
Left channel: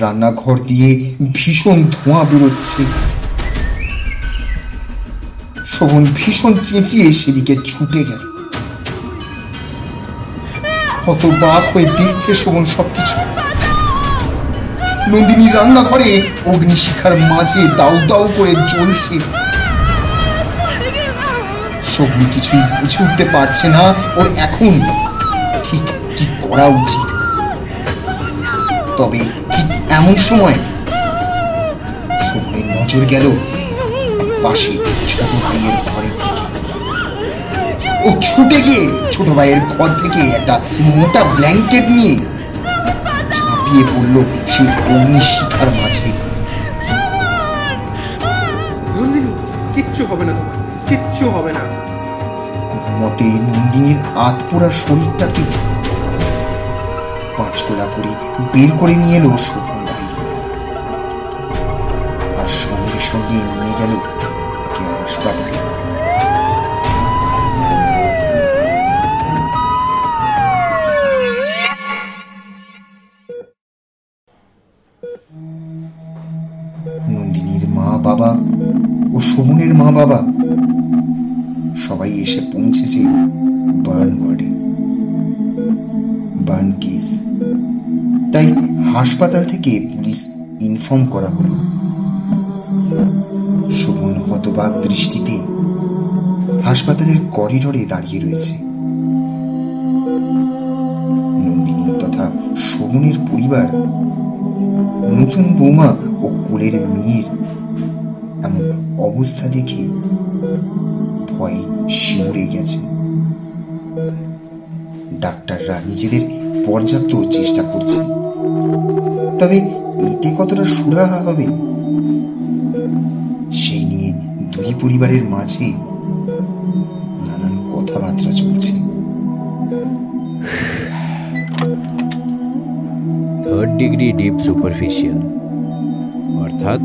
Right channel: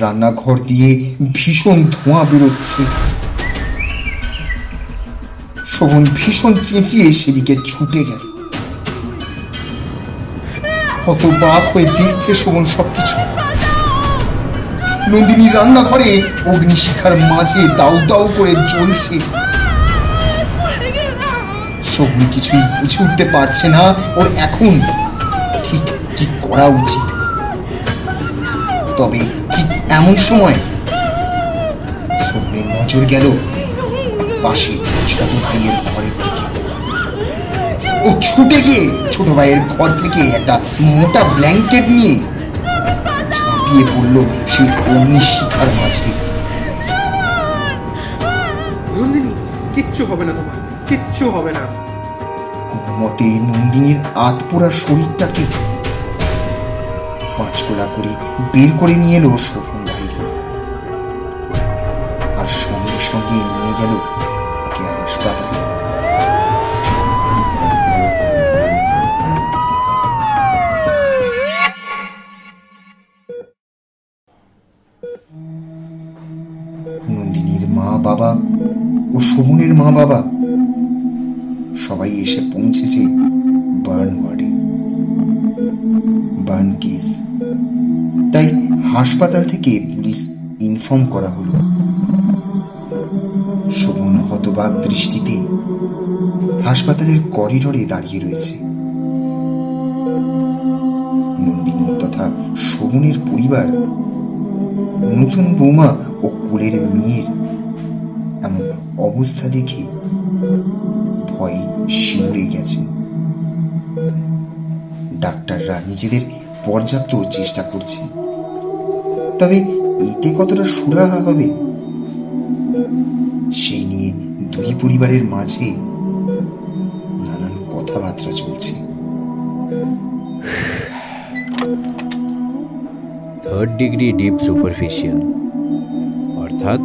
রান্নাঘর দিয়ে ভীষণ ধোঁয়া বেরোচ্ছে। শোভন ভীষণ চেঁচিয়ে সেদিকে ছুটে গেল। হতবাক হয়ে দেখছে শোভন সবকিছু। নন্দিনী রান্নাঘরে অগ্নিশিখার মাঝে দাউ দাউ করে জ্বলছে। শোভন কিছুই বুঝে উঠতে পারছে না ওর এখন ঠিক কি করা উচিত। তবে ঠিক এমন সময় শোভনের নজর গেল পাশে ছোট ভাইয়ের ঘরের দিকে। ও ছুটে গিয়ে ছোট ভাইয়ের ঘর থেকে একটা মোটা ব্ল্যাঙ্কেট নিয়ে ঝাঁপিয়ে পড়ল সেই অগ্নিশিখার মাঝে। নন্দিনী, কিচ্ছু হবে না তোমার, কিচ্ছু হবে না। কোনো মতে নন্দিনীর আতপোড়া শরীরটাকে 5 কোলা করে বের করে নিয়ে এলো শোভন বাইরে, আর সঙ্গে সঙ্গে নিয়ে গেল ওকে হাসপাতালে। নন্দিনীর মা বাবা ও শোভনের মা বাবা সবাই এসে পৌঁছেছে বার্ন ওয়ার্ডে। বার্ন কেস, তাই হাসপাতাল থেকে পুলিশ ইনফর্ম করা হলো। শোভন হতবাক দৃষ্টিতে হাসপাতালের করিডোরে দাঁড়িয়ে রয়েছে। নন্দিনী তথা শোভনের পরিবার নতুন বৌমা ও কোলের মেয়ের এমন অবস্থা দেখে ভয়ে শিউরে গেছেন। ডাক্তাররা নিজেদের পর্যাপ্ত চেষ্টা করছেন, তবে এতে কতটা সুরাহা হবে সেই নিয়ে দুই পরিবারের মাঝে নানান কথাবার্তা চলছে। 3rd ডিগ্রি ডিপ সুপারফিশিয়াল, অর্থাৎ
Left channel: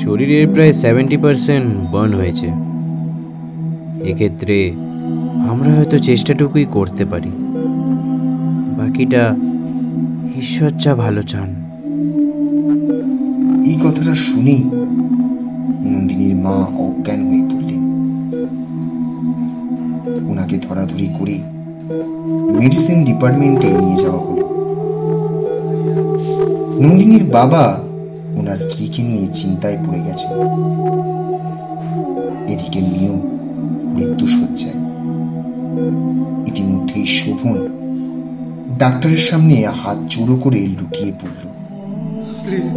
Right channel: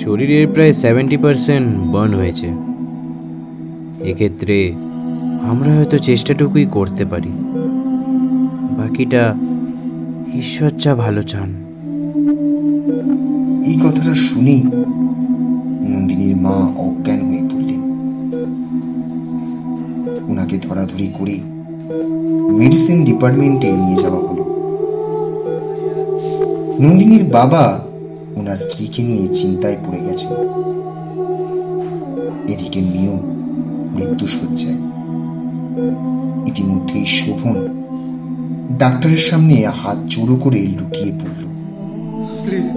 শরীরের প্রায় 70% বার্ন হয়েছে। এক্ষেত্রে আমরা হয়তো চেষ্টাটুকুই করতে পারি, বাকিটা ঈশ্বর যা ভালো চান। এই কথাটা শুনেই নন্দিনীর মা অজ্ঞান হয়ে পড়লেন। ওনাকে ধরাধরি করে মেডিসিন ডিপার্টমেন্টে নিয়ে যাওয়া হলো। নন্দিনীর বাবা ওনার স্ত্রীকে নিয়ে চিন্তায় পড়ে গেছেন। এদিকে মেয়েও মৃত্যু শয্যায়। ইতিমধ্যেই শোভন ডাক্তারের সামনে হাত জোড়ো করে লুটিয়ে পড়ল। প্লিজ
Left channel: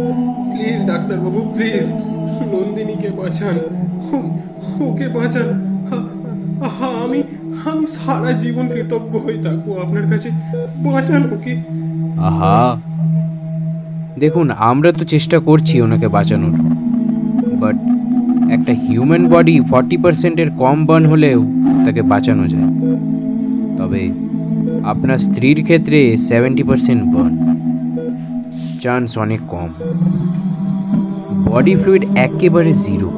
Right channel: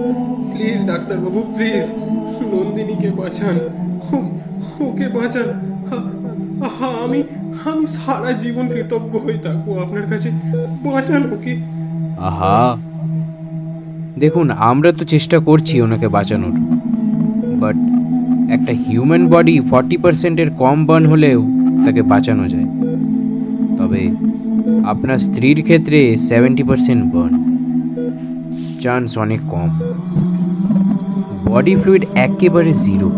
প্লিজ ডাক্তারবাবু, প্লিজ নন্দিনীকে বাঁচান, ওকে বাঁচান, আমি আমি সারা জীবন কৃতজ্ঞ হয়ে থাকবো আপনার কাছে, বাঁচান ওকে। আহা, দেখুন আমরা তো চেষ্টা করছি ওনাকে বাঁচানোর, বাট একটা হিউম্যান বডি 40%-এর কম বার্ন হলেও তাকে বাঁচানো যায়। তবে আপনার স্ত্রীর ক্ষেত্রে 70% বার্ন, চান্স অনেক কম। বডি ফ্লুইড একেবারে 0।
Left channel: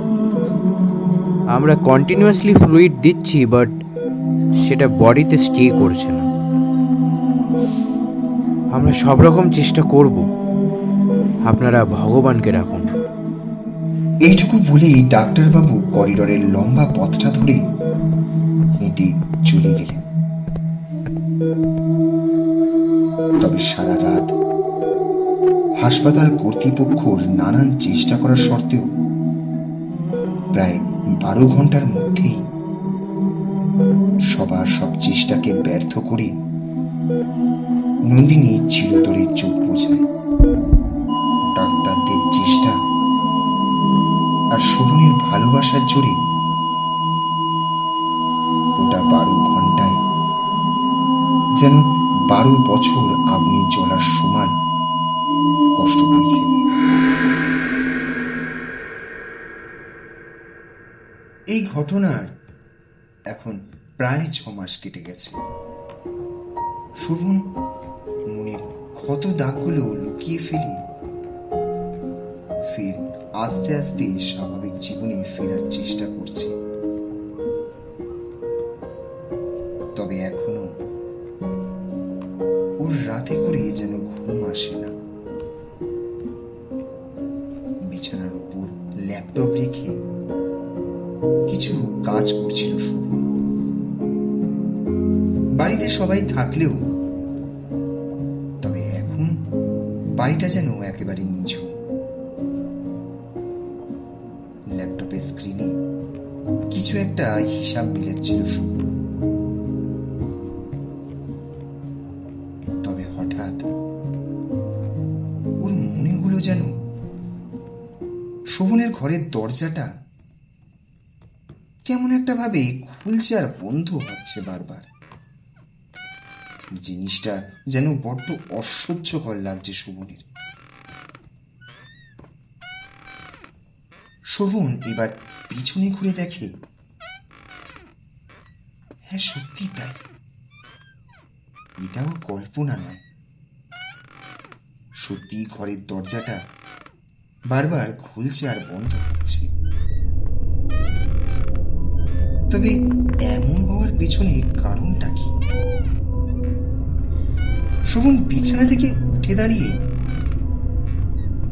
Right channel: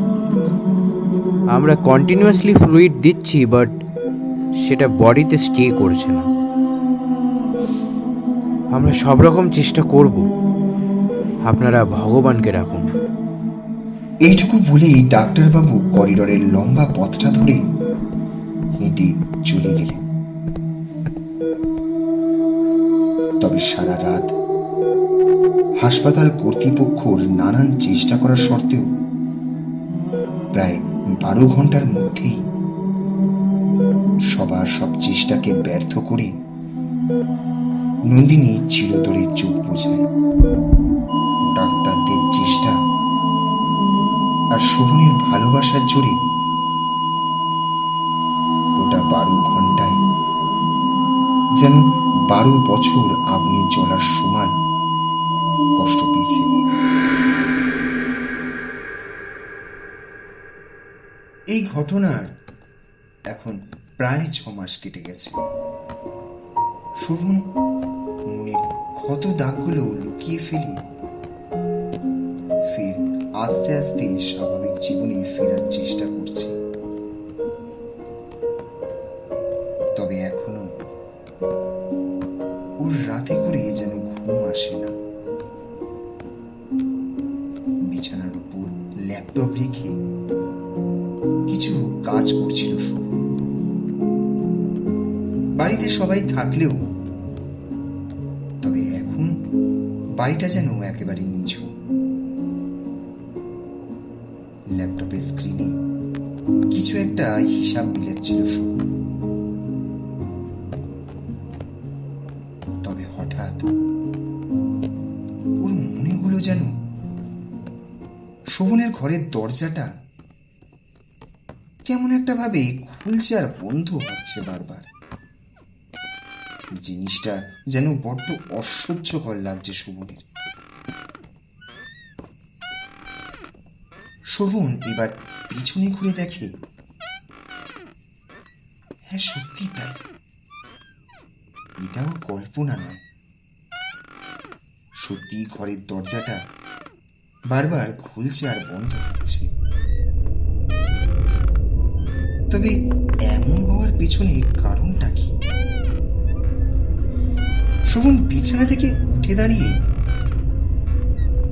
আমরা কন্টিনিউয়াসলি ফ্লুইড দিচ্ছি, বাট সেটা বডিতে স্টে করছে না। আমরা সব রকম চেষ্টা করব, আপনারা ভগবানকে রাখুন। এইটুকু বলেই ডাক্তারবাবু করিডোরের লম্বা পথটা ধরে হেঁটে চলে গেলেন। তবে সারা রাত হাসপাতাল কর্তৃপক্ষর নানান চেষ্টা করার সত্ত্বেও প্রায় 12 ঘন্টার মধ্যেই সবার সব চেষ্টাকে ব্যর্থ করে নন্দিনী চিরতরে চোখ বোঝায়। ডাক্তারদের চেষ্টা আর শোভনের ভালোবাসার জোরে গোটা 12 ঘন্টায় যেন 12 বছর আগুনে জ্বলার সমান কষ্ট পেয়েছে। এই ঘটনার এখন প্রায় 6 মাস কেটে গেছে। শোভন মনের ক্ষত দাগগুলো লুকিয়ে ফেলে ফির আস্তে আস্তে স্বাভাবিক জীবনে ফেরার চেষ্টা করছে। তবে এখনো ওর রাতে করে যেন ঘুম আসে না। বিছানার উপর ল্যাপটপ রেখে কিছু কাজ করছিল শোভন। বাড়িতে সবাই থাকলেও তবে এখন বাড়িটা যেন একেবারে নিঝুম। ল্যাপটপের স্ক্রিনে কিছু একটা হিসাব মিলাচ্ছিল শোভন। তবে হঠাৎ ওর মনে হলো যেন শোভনের ঘরের দরজাটা কেমন একটা ভাবে খুলছে আর বন্ধ হচ্ছে বারবার। জিনিসটা যেন বড্ড অসহ্যকর লাগছে শোভনের। শোভন এবার পিছনে ঘুরে দেখে, হ্যাঁ সত্যি তাই, এটাও কল্পনা নয়। সত্যি ঘরের দরজাটা বারবার খুলছে আর বন্ধ হচ্ছে। তবে এমন হওয়ার পেছনে কারণটা কি? শোভন বিছানা থেকে উঠে দাঁড়িয়ে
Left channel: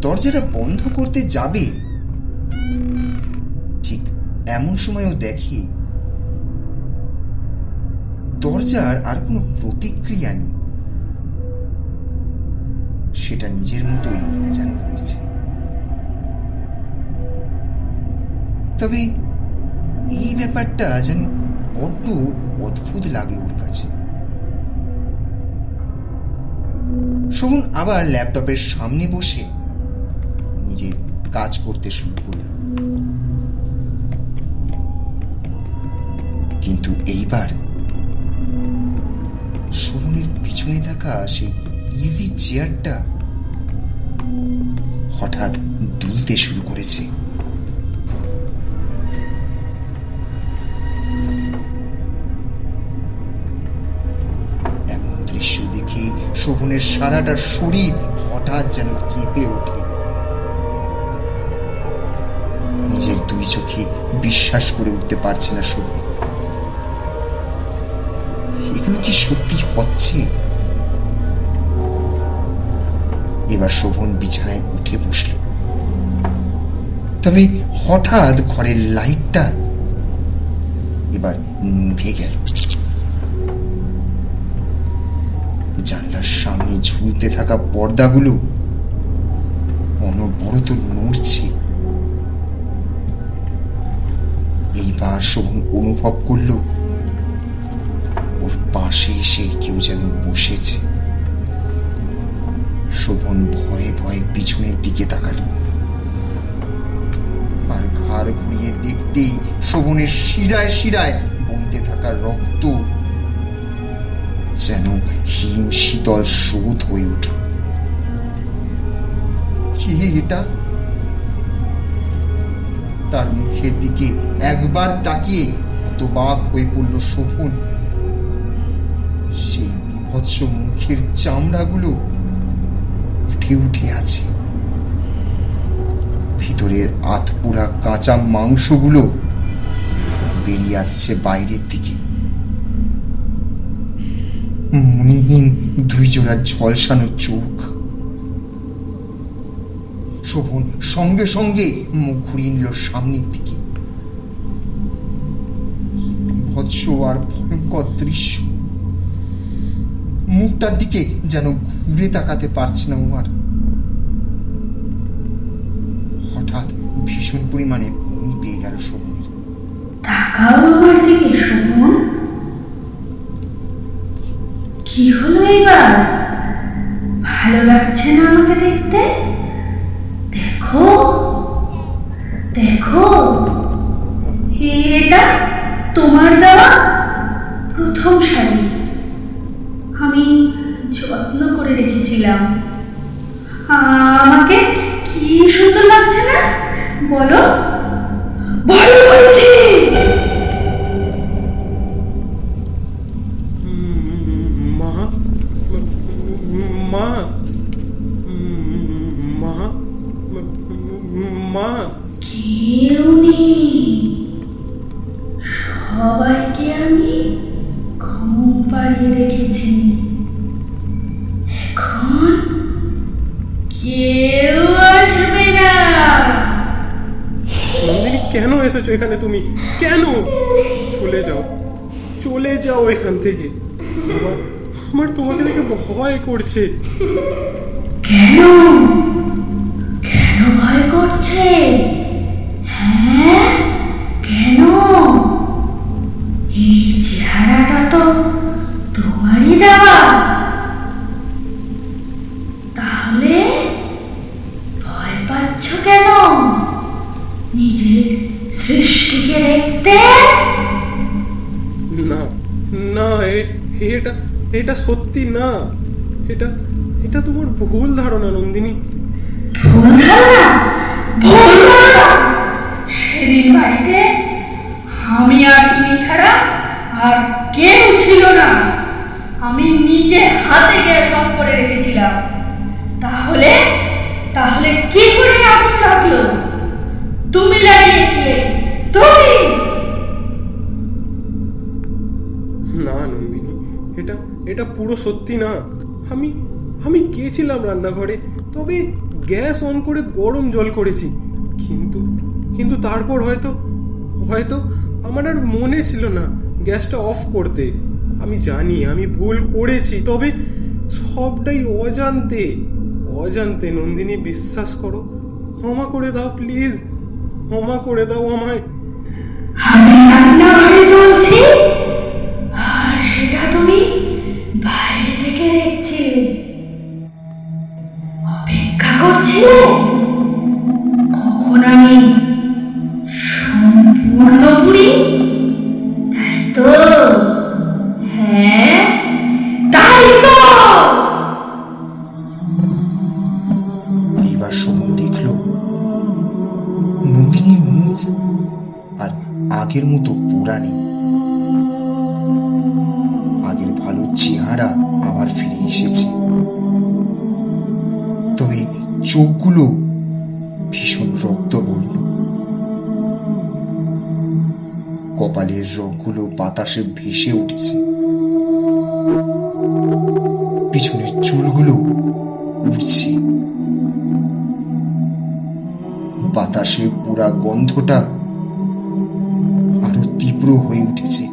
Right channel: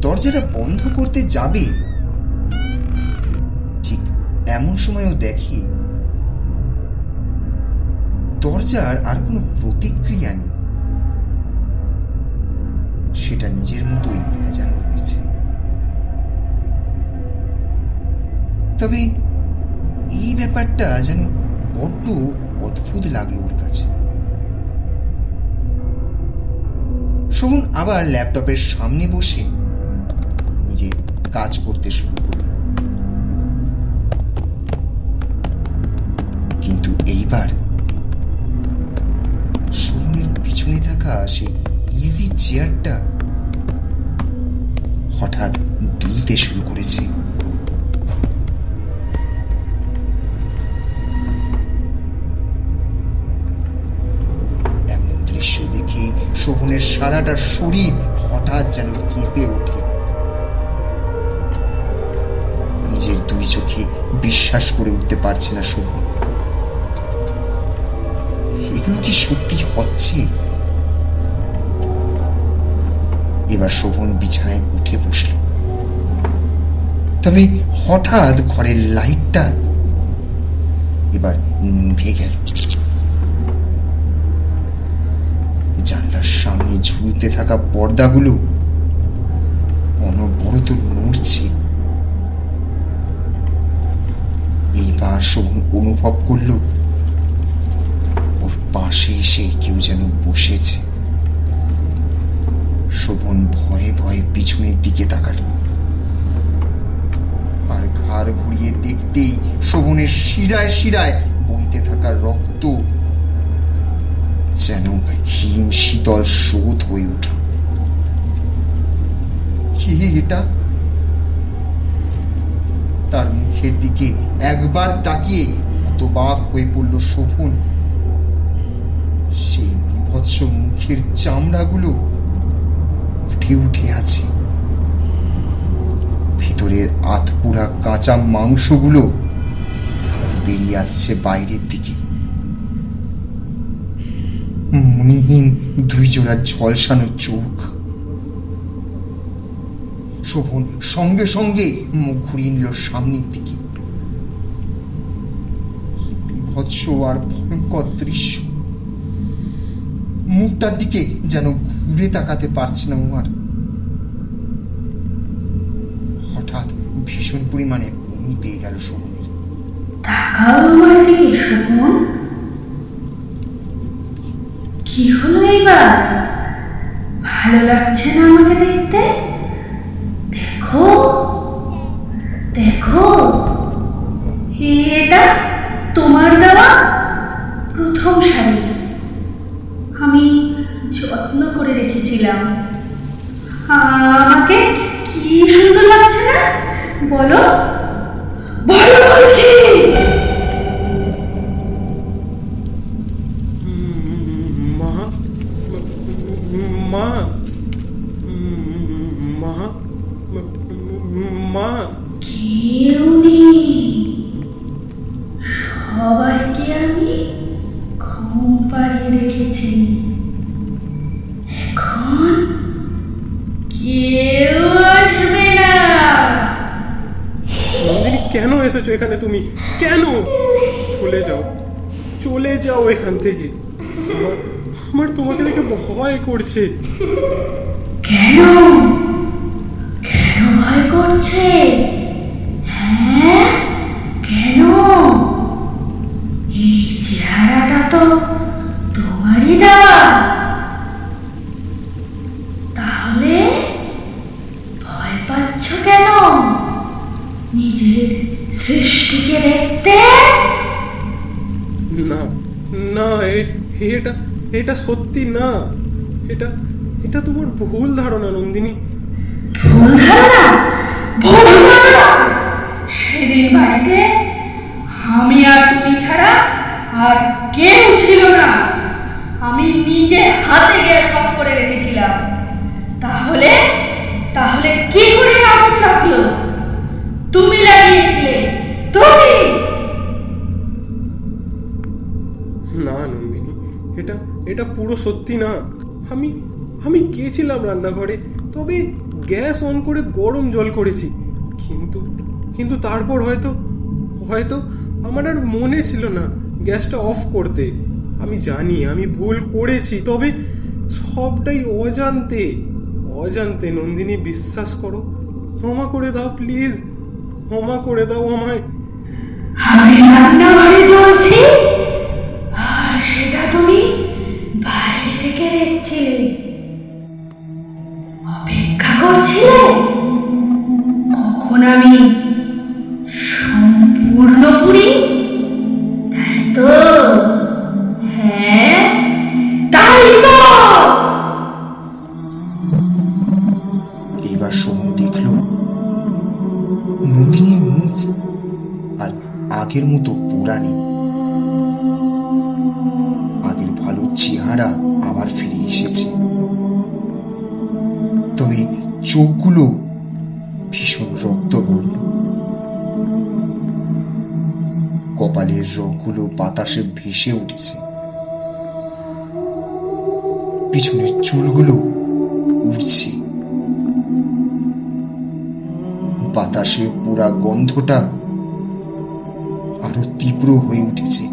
দরজাটা বন্ধ করতে যাবে, ঠিক এমন সময়ও দেখে দরজার আর কোনো প্রতিক্রিয়া নেই। সেটা নিজের মতোই ভেজানো রয়েছে। তবে এই ব্যাপারটা যেন বড্ড অদ্ভুত লাগলো ওর কাছে। শোভন আবার ল্যাপটপের সামনে বসে নিজের কাজ করতে শুরু করল। কিন্তু এইবার শোভনের পিছনে থাকা সেই ইজি চেয়ারটা হঠাৎ দুলতে শুরু করেছে। এমন দৃশ্য দেখে শোভনের সারাটা শরীর হঠাৎ যেন কেঁপে ওঠে। নিজের 2 চোখে বিশ্বাস করে উঠতে পারছে না শোভন। এগুলো কি সত্যি হচ্ছে? এবার শোভন বিছানায় উঠে বসল। তবে হঠাৎ ঘরের লাইটটা এবার নিভে গেল। জানলার সামনে ঝুলতে থাকা পর্দাগুলো অনবরত নড়ছে। এইবার শোভন অনুভব করল ওর পাশে এসে কেউ যেন বসেছে। শোভন ভয়ে ভয়ে পিছনের দিকে তাকালো, আর ঘাড় ঘুরিয়ে দেখতেই শোভনের শিরায় শিরায় বইতে থাকা থাকা রক্ত যেন হিম শীতল স্রোত হয়ে উঠল। কি এটা? তার মুখের দিকে একবার তাকিয়ে হতবাক হয়ে পড়ল শোভন। সেই বিভৎস মুখের চামড়াগুলো উঠে উঠে আছে, ভিতরের আধপোড়া কাঁচা মাংসগুলো বেরিয়ে আসছে বাইরের দিকে। মণিহীন দুই জোড়া ঝলসানো চোখ। শোভন সঙ্গে সঙ্গে মুখ ঘুরিয়ে নিল সামনের দিকে। কি বিভৎস আর ভয়ঙ্কর দৃশ্য! মুখটার দিকে যেন ঘুরে তাকাতে পারছে না ও আর। হঠাৎ ভীষণ পরিমাণে বমি পেয়ে গেল শোভনের। তাকাও আমার দিকে শোভন। কি হলো এবার? ভালো লাগছে না আমাকে দেখতে? দেখো দেখো, এটা তোমার দেওয়া প্রথম শাড়ি। আমি যত্ন করে রেখেছিলাম। আমাকে কি সুন্দর লাগছে না? বলো বলো বলছি। মা মা মা মা কেউ নেই, সবাইকে আমি ঘুম পাড়িয়ে রেখেছি। এখন কেউ আসবে না। নন্দিনী, কেন এসেছো এখানে তুমি? কেন? চলে যাও, চলে যাও এখান থেকে। আমার আমার তোমাকে দেখে ভয় করছে। কেন কেন ভয় করছে? হ্যাঁ কেন? এই চেহারাটা তো তোমারই দেওয়া। তাহলে ভয় পাচ্ছ কেন নিজের সৃষ্টিকে দেখতে? না না, এটা এটা সত্যি না। এটা এটা তোমার ভুল ধারণা নন্দিনী। ভুল ধারণা? ভুল ধারণা? সেদিন বাড়িতে আমি আর তুমি ছাড়া আর কেউ ছিল না। আমি নিজে হাতে গ্যাস অফ করে রেখেছিলাম। তাহলে তাহলে কি করে আগুন লাগলো? তুমি লাগিয়েছিলে, তুমি। না নন্দিনী, এটা এটা পুরো সত্যি না। আমি আমি গিয়েছিলাম রান্নাঘরে, তবে গ্যাস অন করে গরম জল করেছি। কিন্তু কিন্তু তারপর হয়তো হয়তো আমার আর মনে ছিল না গ্যাসটা অফ করতে। আমি জানি আমি ভুল করেছি, তবে সবটাই অজান্তে অজান্তে। নন্দিনী, বিশ্বাস করো, ক্ষমা করে দাও প্লিজ, ক্ষমা করে দাও আমায়। আমি রান্নাঘরে জ্বলছি আর সেটা তুমি বাইরে থেকে দেখছিলে, অপেক্ষা করছিলে কখন আমি সম্পূর্ণ পুরি, তাই তো? হ্যাঁ তাই তো। এবার শোভন দেখল নন্দিনীর মুখ আর আগের মতো পোড়া নেই। আগের ভালো চেহারা আবার ফিরে এসেছে, তবে চোখগুলো ভীষণ রক্তবর্ণ। কপালের রগগুলো বাতাসে ভেসে উঠেছে, পিছনের চুলগুলো উড়ছে। বাতাসে পুরা গন্ধটা আরো তীব্র হয়ে উঠেছে।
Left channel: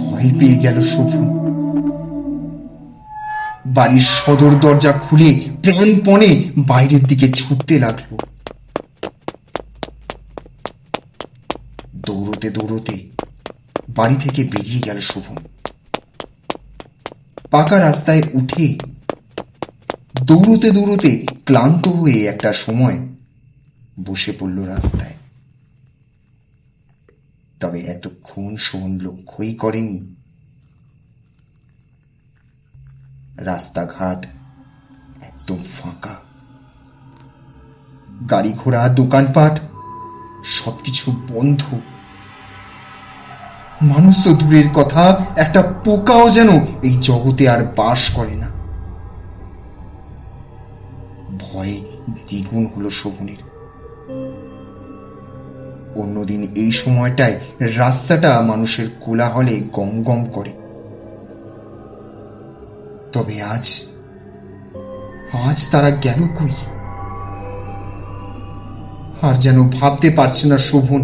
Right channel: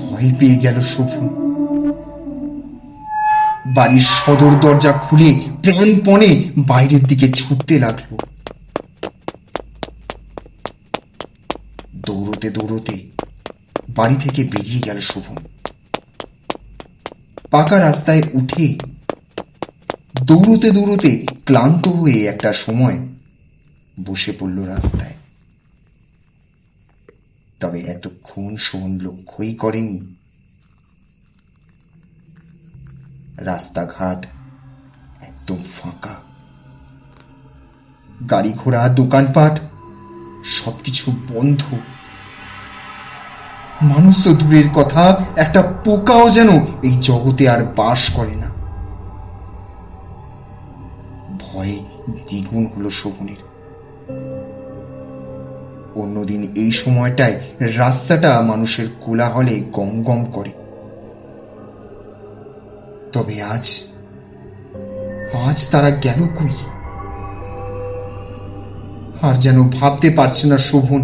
ভয় পেয়ে গেল শোভন। বাড়ির সদর দরজা খুলে প্রাণপণে বাইরের দিকে ছুটতে লাগলো। দৌড়তে দৌড়তে বাড়ি থেকে বেরিয়ে গেল শোভন। পাকা রাস্তায় উঠে দৌড়তে দৌড়তে ক্লান্ত হয়ে একটা সময় বসে পড়ল রাস্তায়। তবে এতক্ষণ শোভন লক্ষ্যই করেনি রাস্তাঘাট একদম ফাঁকা। গাড়ি ঘোড়া, দোকানপাট সবকিছু বন্ধ। মানুষ তো দূরের কথা, একটা পোকাও যেন এই জগতে আর বাস করে না। ভয়ে দ্বিগুণ হলো শোভনের। অন্যদিন এই সময়টায় রাস্তাটা মানুষের কোলাহলে গম গম করে, তবে আজ তারা গেল কই? আর যেন ভাবতে পারছে না শোভন।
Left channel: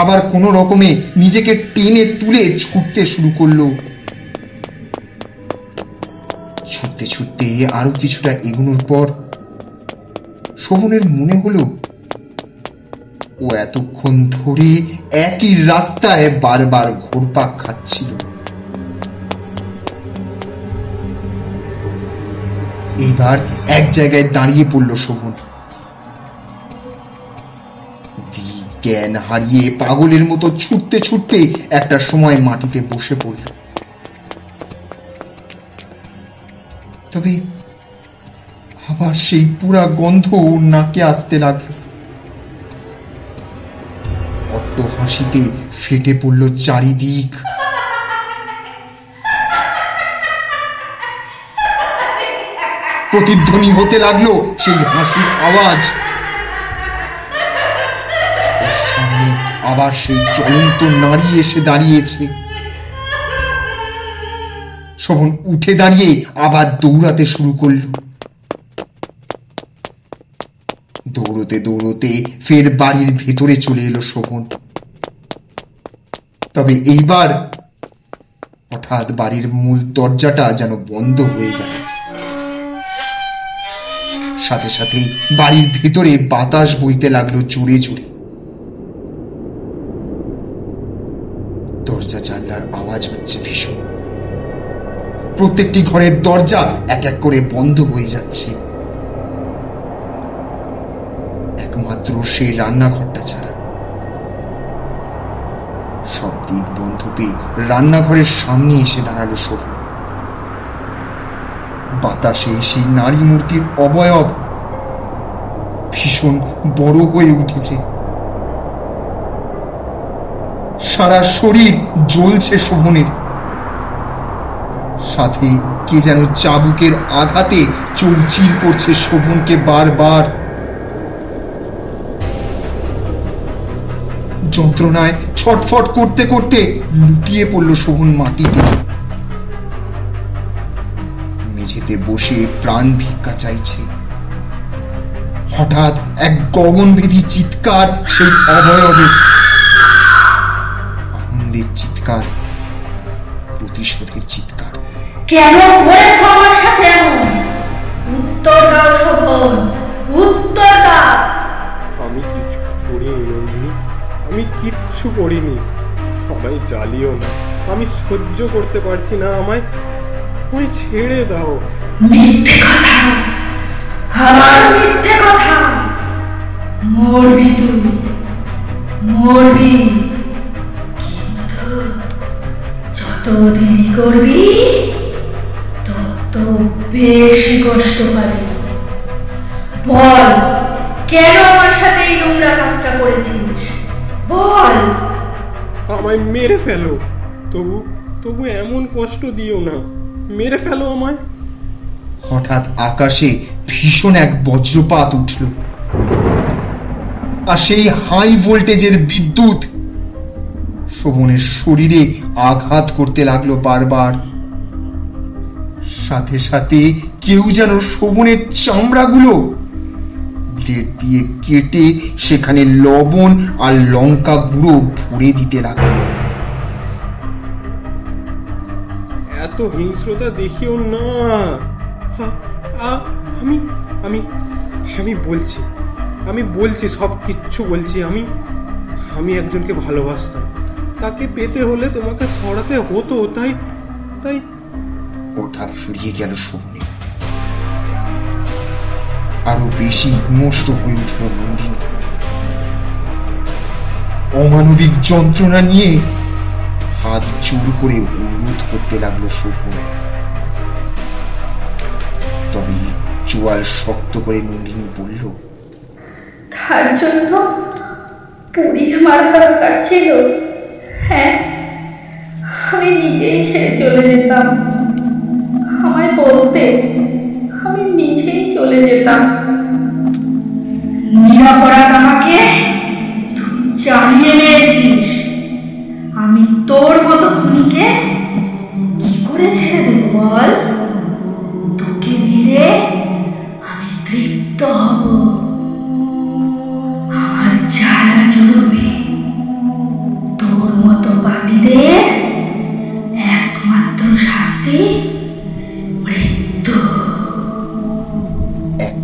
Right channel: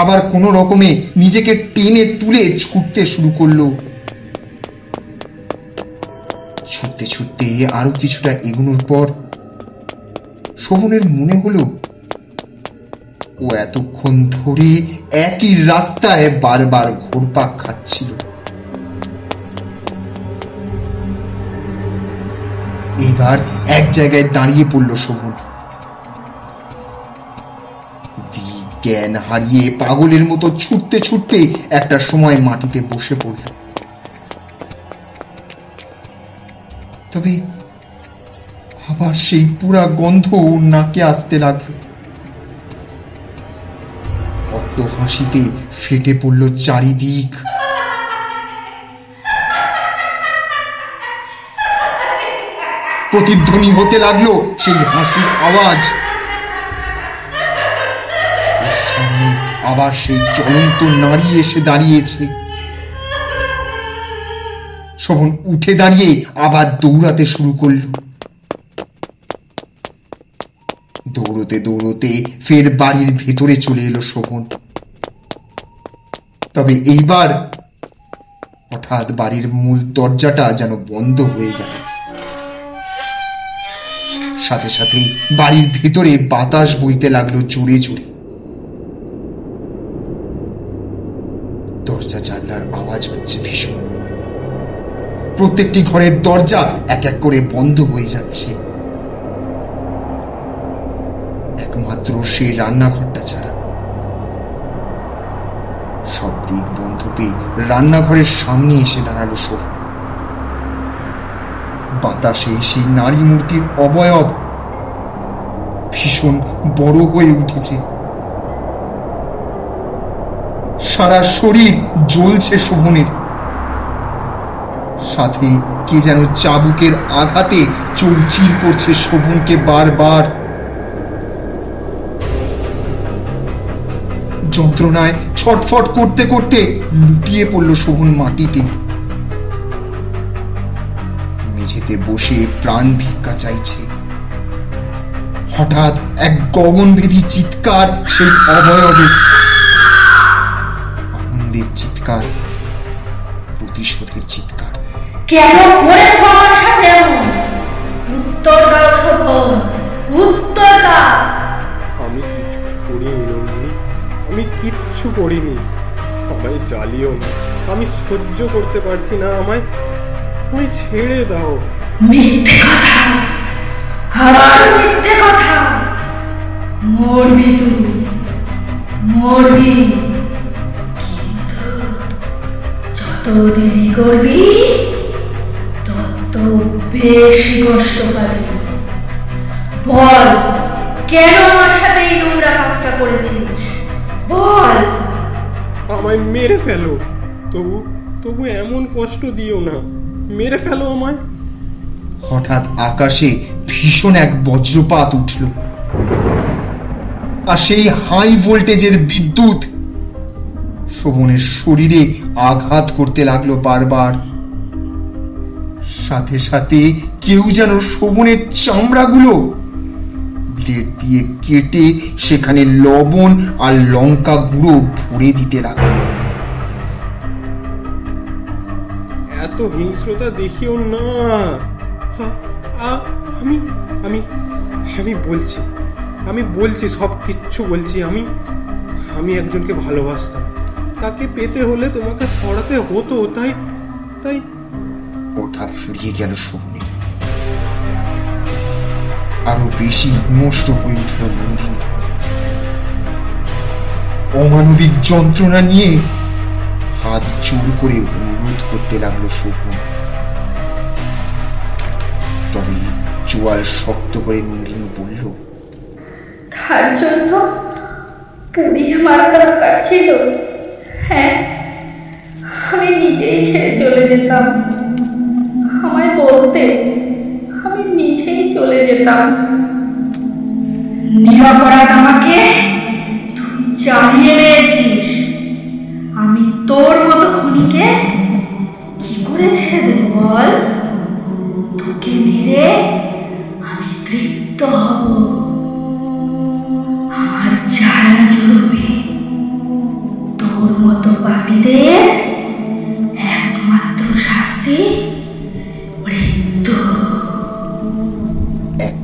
আবার কোনো রকমে নিজেকে টেনে তুলে ছুটতে শুরু করলো। ছুটতে ছুটতে আরো কিছুটা এগোনোর পর শোভনের মনে হলো ও এতক্ষণ ধরে একই রাস্তায় বারবার ঘুরপাক খাচ্ছিল। এইবার এক জায়গায় দাঁড়িয়ে পড়ল শোভন। জ্ঞান হারিয়ে পাগলের মতো ছুটতে ছুটতে একটা সময় মাটিতে বসে পড়ল। তবে আবার সেই পুরা গন্ধ নাকে আসতে লাগলো। অট্ট হাসিতে ফেটে পড়ল চারিদিক। প্রতিধ্বনি হতে লাগলো সেই হাসির আওয়াজ। ওর সামনে আবার সেই জ্বলন্ত নারী এসে দাঁড়িয়েছে। শোভন উঠে দাঁড়িয়ে আবার দৌড়াতে শুরু করল। দৌড়তে দৌড়তে ফের বাড়ির ভেতরে চলে এলো শোভন। তবে এইবার হঠাৎ বাড়ির মূল দরজাটা যেন বন্ধ হয়ে গেল। সাথে সাথে বাড়ির ভেতরে বাতাস বইতে লাগলো জোরে জোরে। দরজা জানলার আওয়াজ হচ্ছে ভীষণ। প্রত্যেকটি ঘরের দরজা এক এক করে বন্ধ হয়ে যাচ্ছে, একমাত্র সেই রান্নাঘরটা ছাড়া। সব দিক বন্ধ পেয়ে রান্নাঘরের সামনে এসে দাঁড়ালো শোভন। বাতাসে সেই নারী মূর্তির অবয়ব ভীষণ বড় হয়ে উঠেছে। সারা শরীর জ্বলছে শোভনের। সাথে কে যেন চাবুকের আঘাতে চৌচির করছে শোভনকে বারবার। যন্ত্রণায় ছটফট করতে করতে লুটিয়ে পড়ল শোভন মাটিতে। মেঝেতে বসে প্রাণ ভিক্ষা চাইছে। হঠাৎ এক গগনভেদী চিৎকার সেই অবয়বে। আনন্দের চিৎকার, প্রতিশোধের চিৎকার। কেন করেছো আমার সাথে এমন? উত্তর দাও শোভন, উত্তর দাও। আমি কিছু করিনি নন্দিনী, আমি কিচ্ছু করিনি। আমায় জ্বালিও না, আমি সহ্য করতে পারছি না। আমায় ছেড়ে দাও। মিথ্যে কথা, আবার মিথ্যে কথা। মরবি তুই, মরবি, কিন্তু যত দেরি করবি তত বেশি কষ্ট পাবি। বল, কেন আমার সাথে এই নোংরা কাজটা করেছিস? বল। আমায় মেরে ফেলো, তবু এমন কষ্ট দিও না। মেরে ফেলো আমায়। হঠাৎ আকাশে ভীষণ এক বজ্রপাত উঠল, আর সেই হাই ভোল্টেজের বিদ্যুৎ শোভনের শরীরে আঘাত করতে লাগলো বারবার। সাথে সাথে কেউ যেন শোভনের চামড়াগুলো ব্লেড দিয়ে কেটে সেখানে লবণ আর লঙ্কা গুঁড়ো ভরে দিতে লাগলো। এত হিংস্রতা দেখিও না। আমি আমি আমি বলছি, সব কিচ্ছু বলছি। আমি একজনকে ভালোবাসতাম। তাকে পেতে হলে তোমাকে সরাতে হতো, তাই কথা ফুরিয়ে গেল শোভনের। আরো বেশি হিংস্র হয়ে উঠল নন্দিনী। অমানবিক যন্ত্রণা নিয়ে হাত জোর করে অনুরোধ করতে লাগলো শোভন। তবে চোয়াল শক্ত করে নন্দিনী বলল, তার জন্য পুড়িয়ে মারা দরকার ছিল। হ্যাঁ, আমি নিজেই ছেড়ে চলে যেতাম। আমায় বলতে আমি নিজেই চলে যেতাম। নিরপরাধ আমাকে তুই জ্বালিয়ে মেরেছিস। আমি তোর মতো খুনিকে কি করে ছেড়ে দেব বল? তোকে মেরে আমি তৃপ্ত হব, আমার জ্বালা জুড়বে। তোর মতো পাপীদের একমাত্র শাস্তি মৃত্যু। এক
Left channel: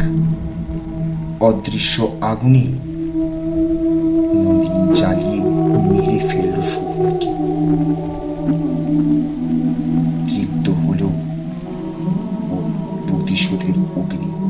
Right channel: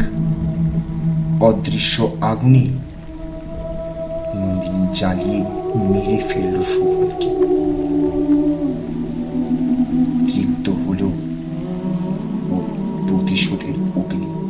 অদৃশ্য আগুনে নন্দিনী জ্বালিয়ে মেরে ফেলল শোভনকে। তৃপ্ত হলো ওর প্রতিশোধের অগ্নি।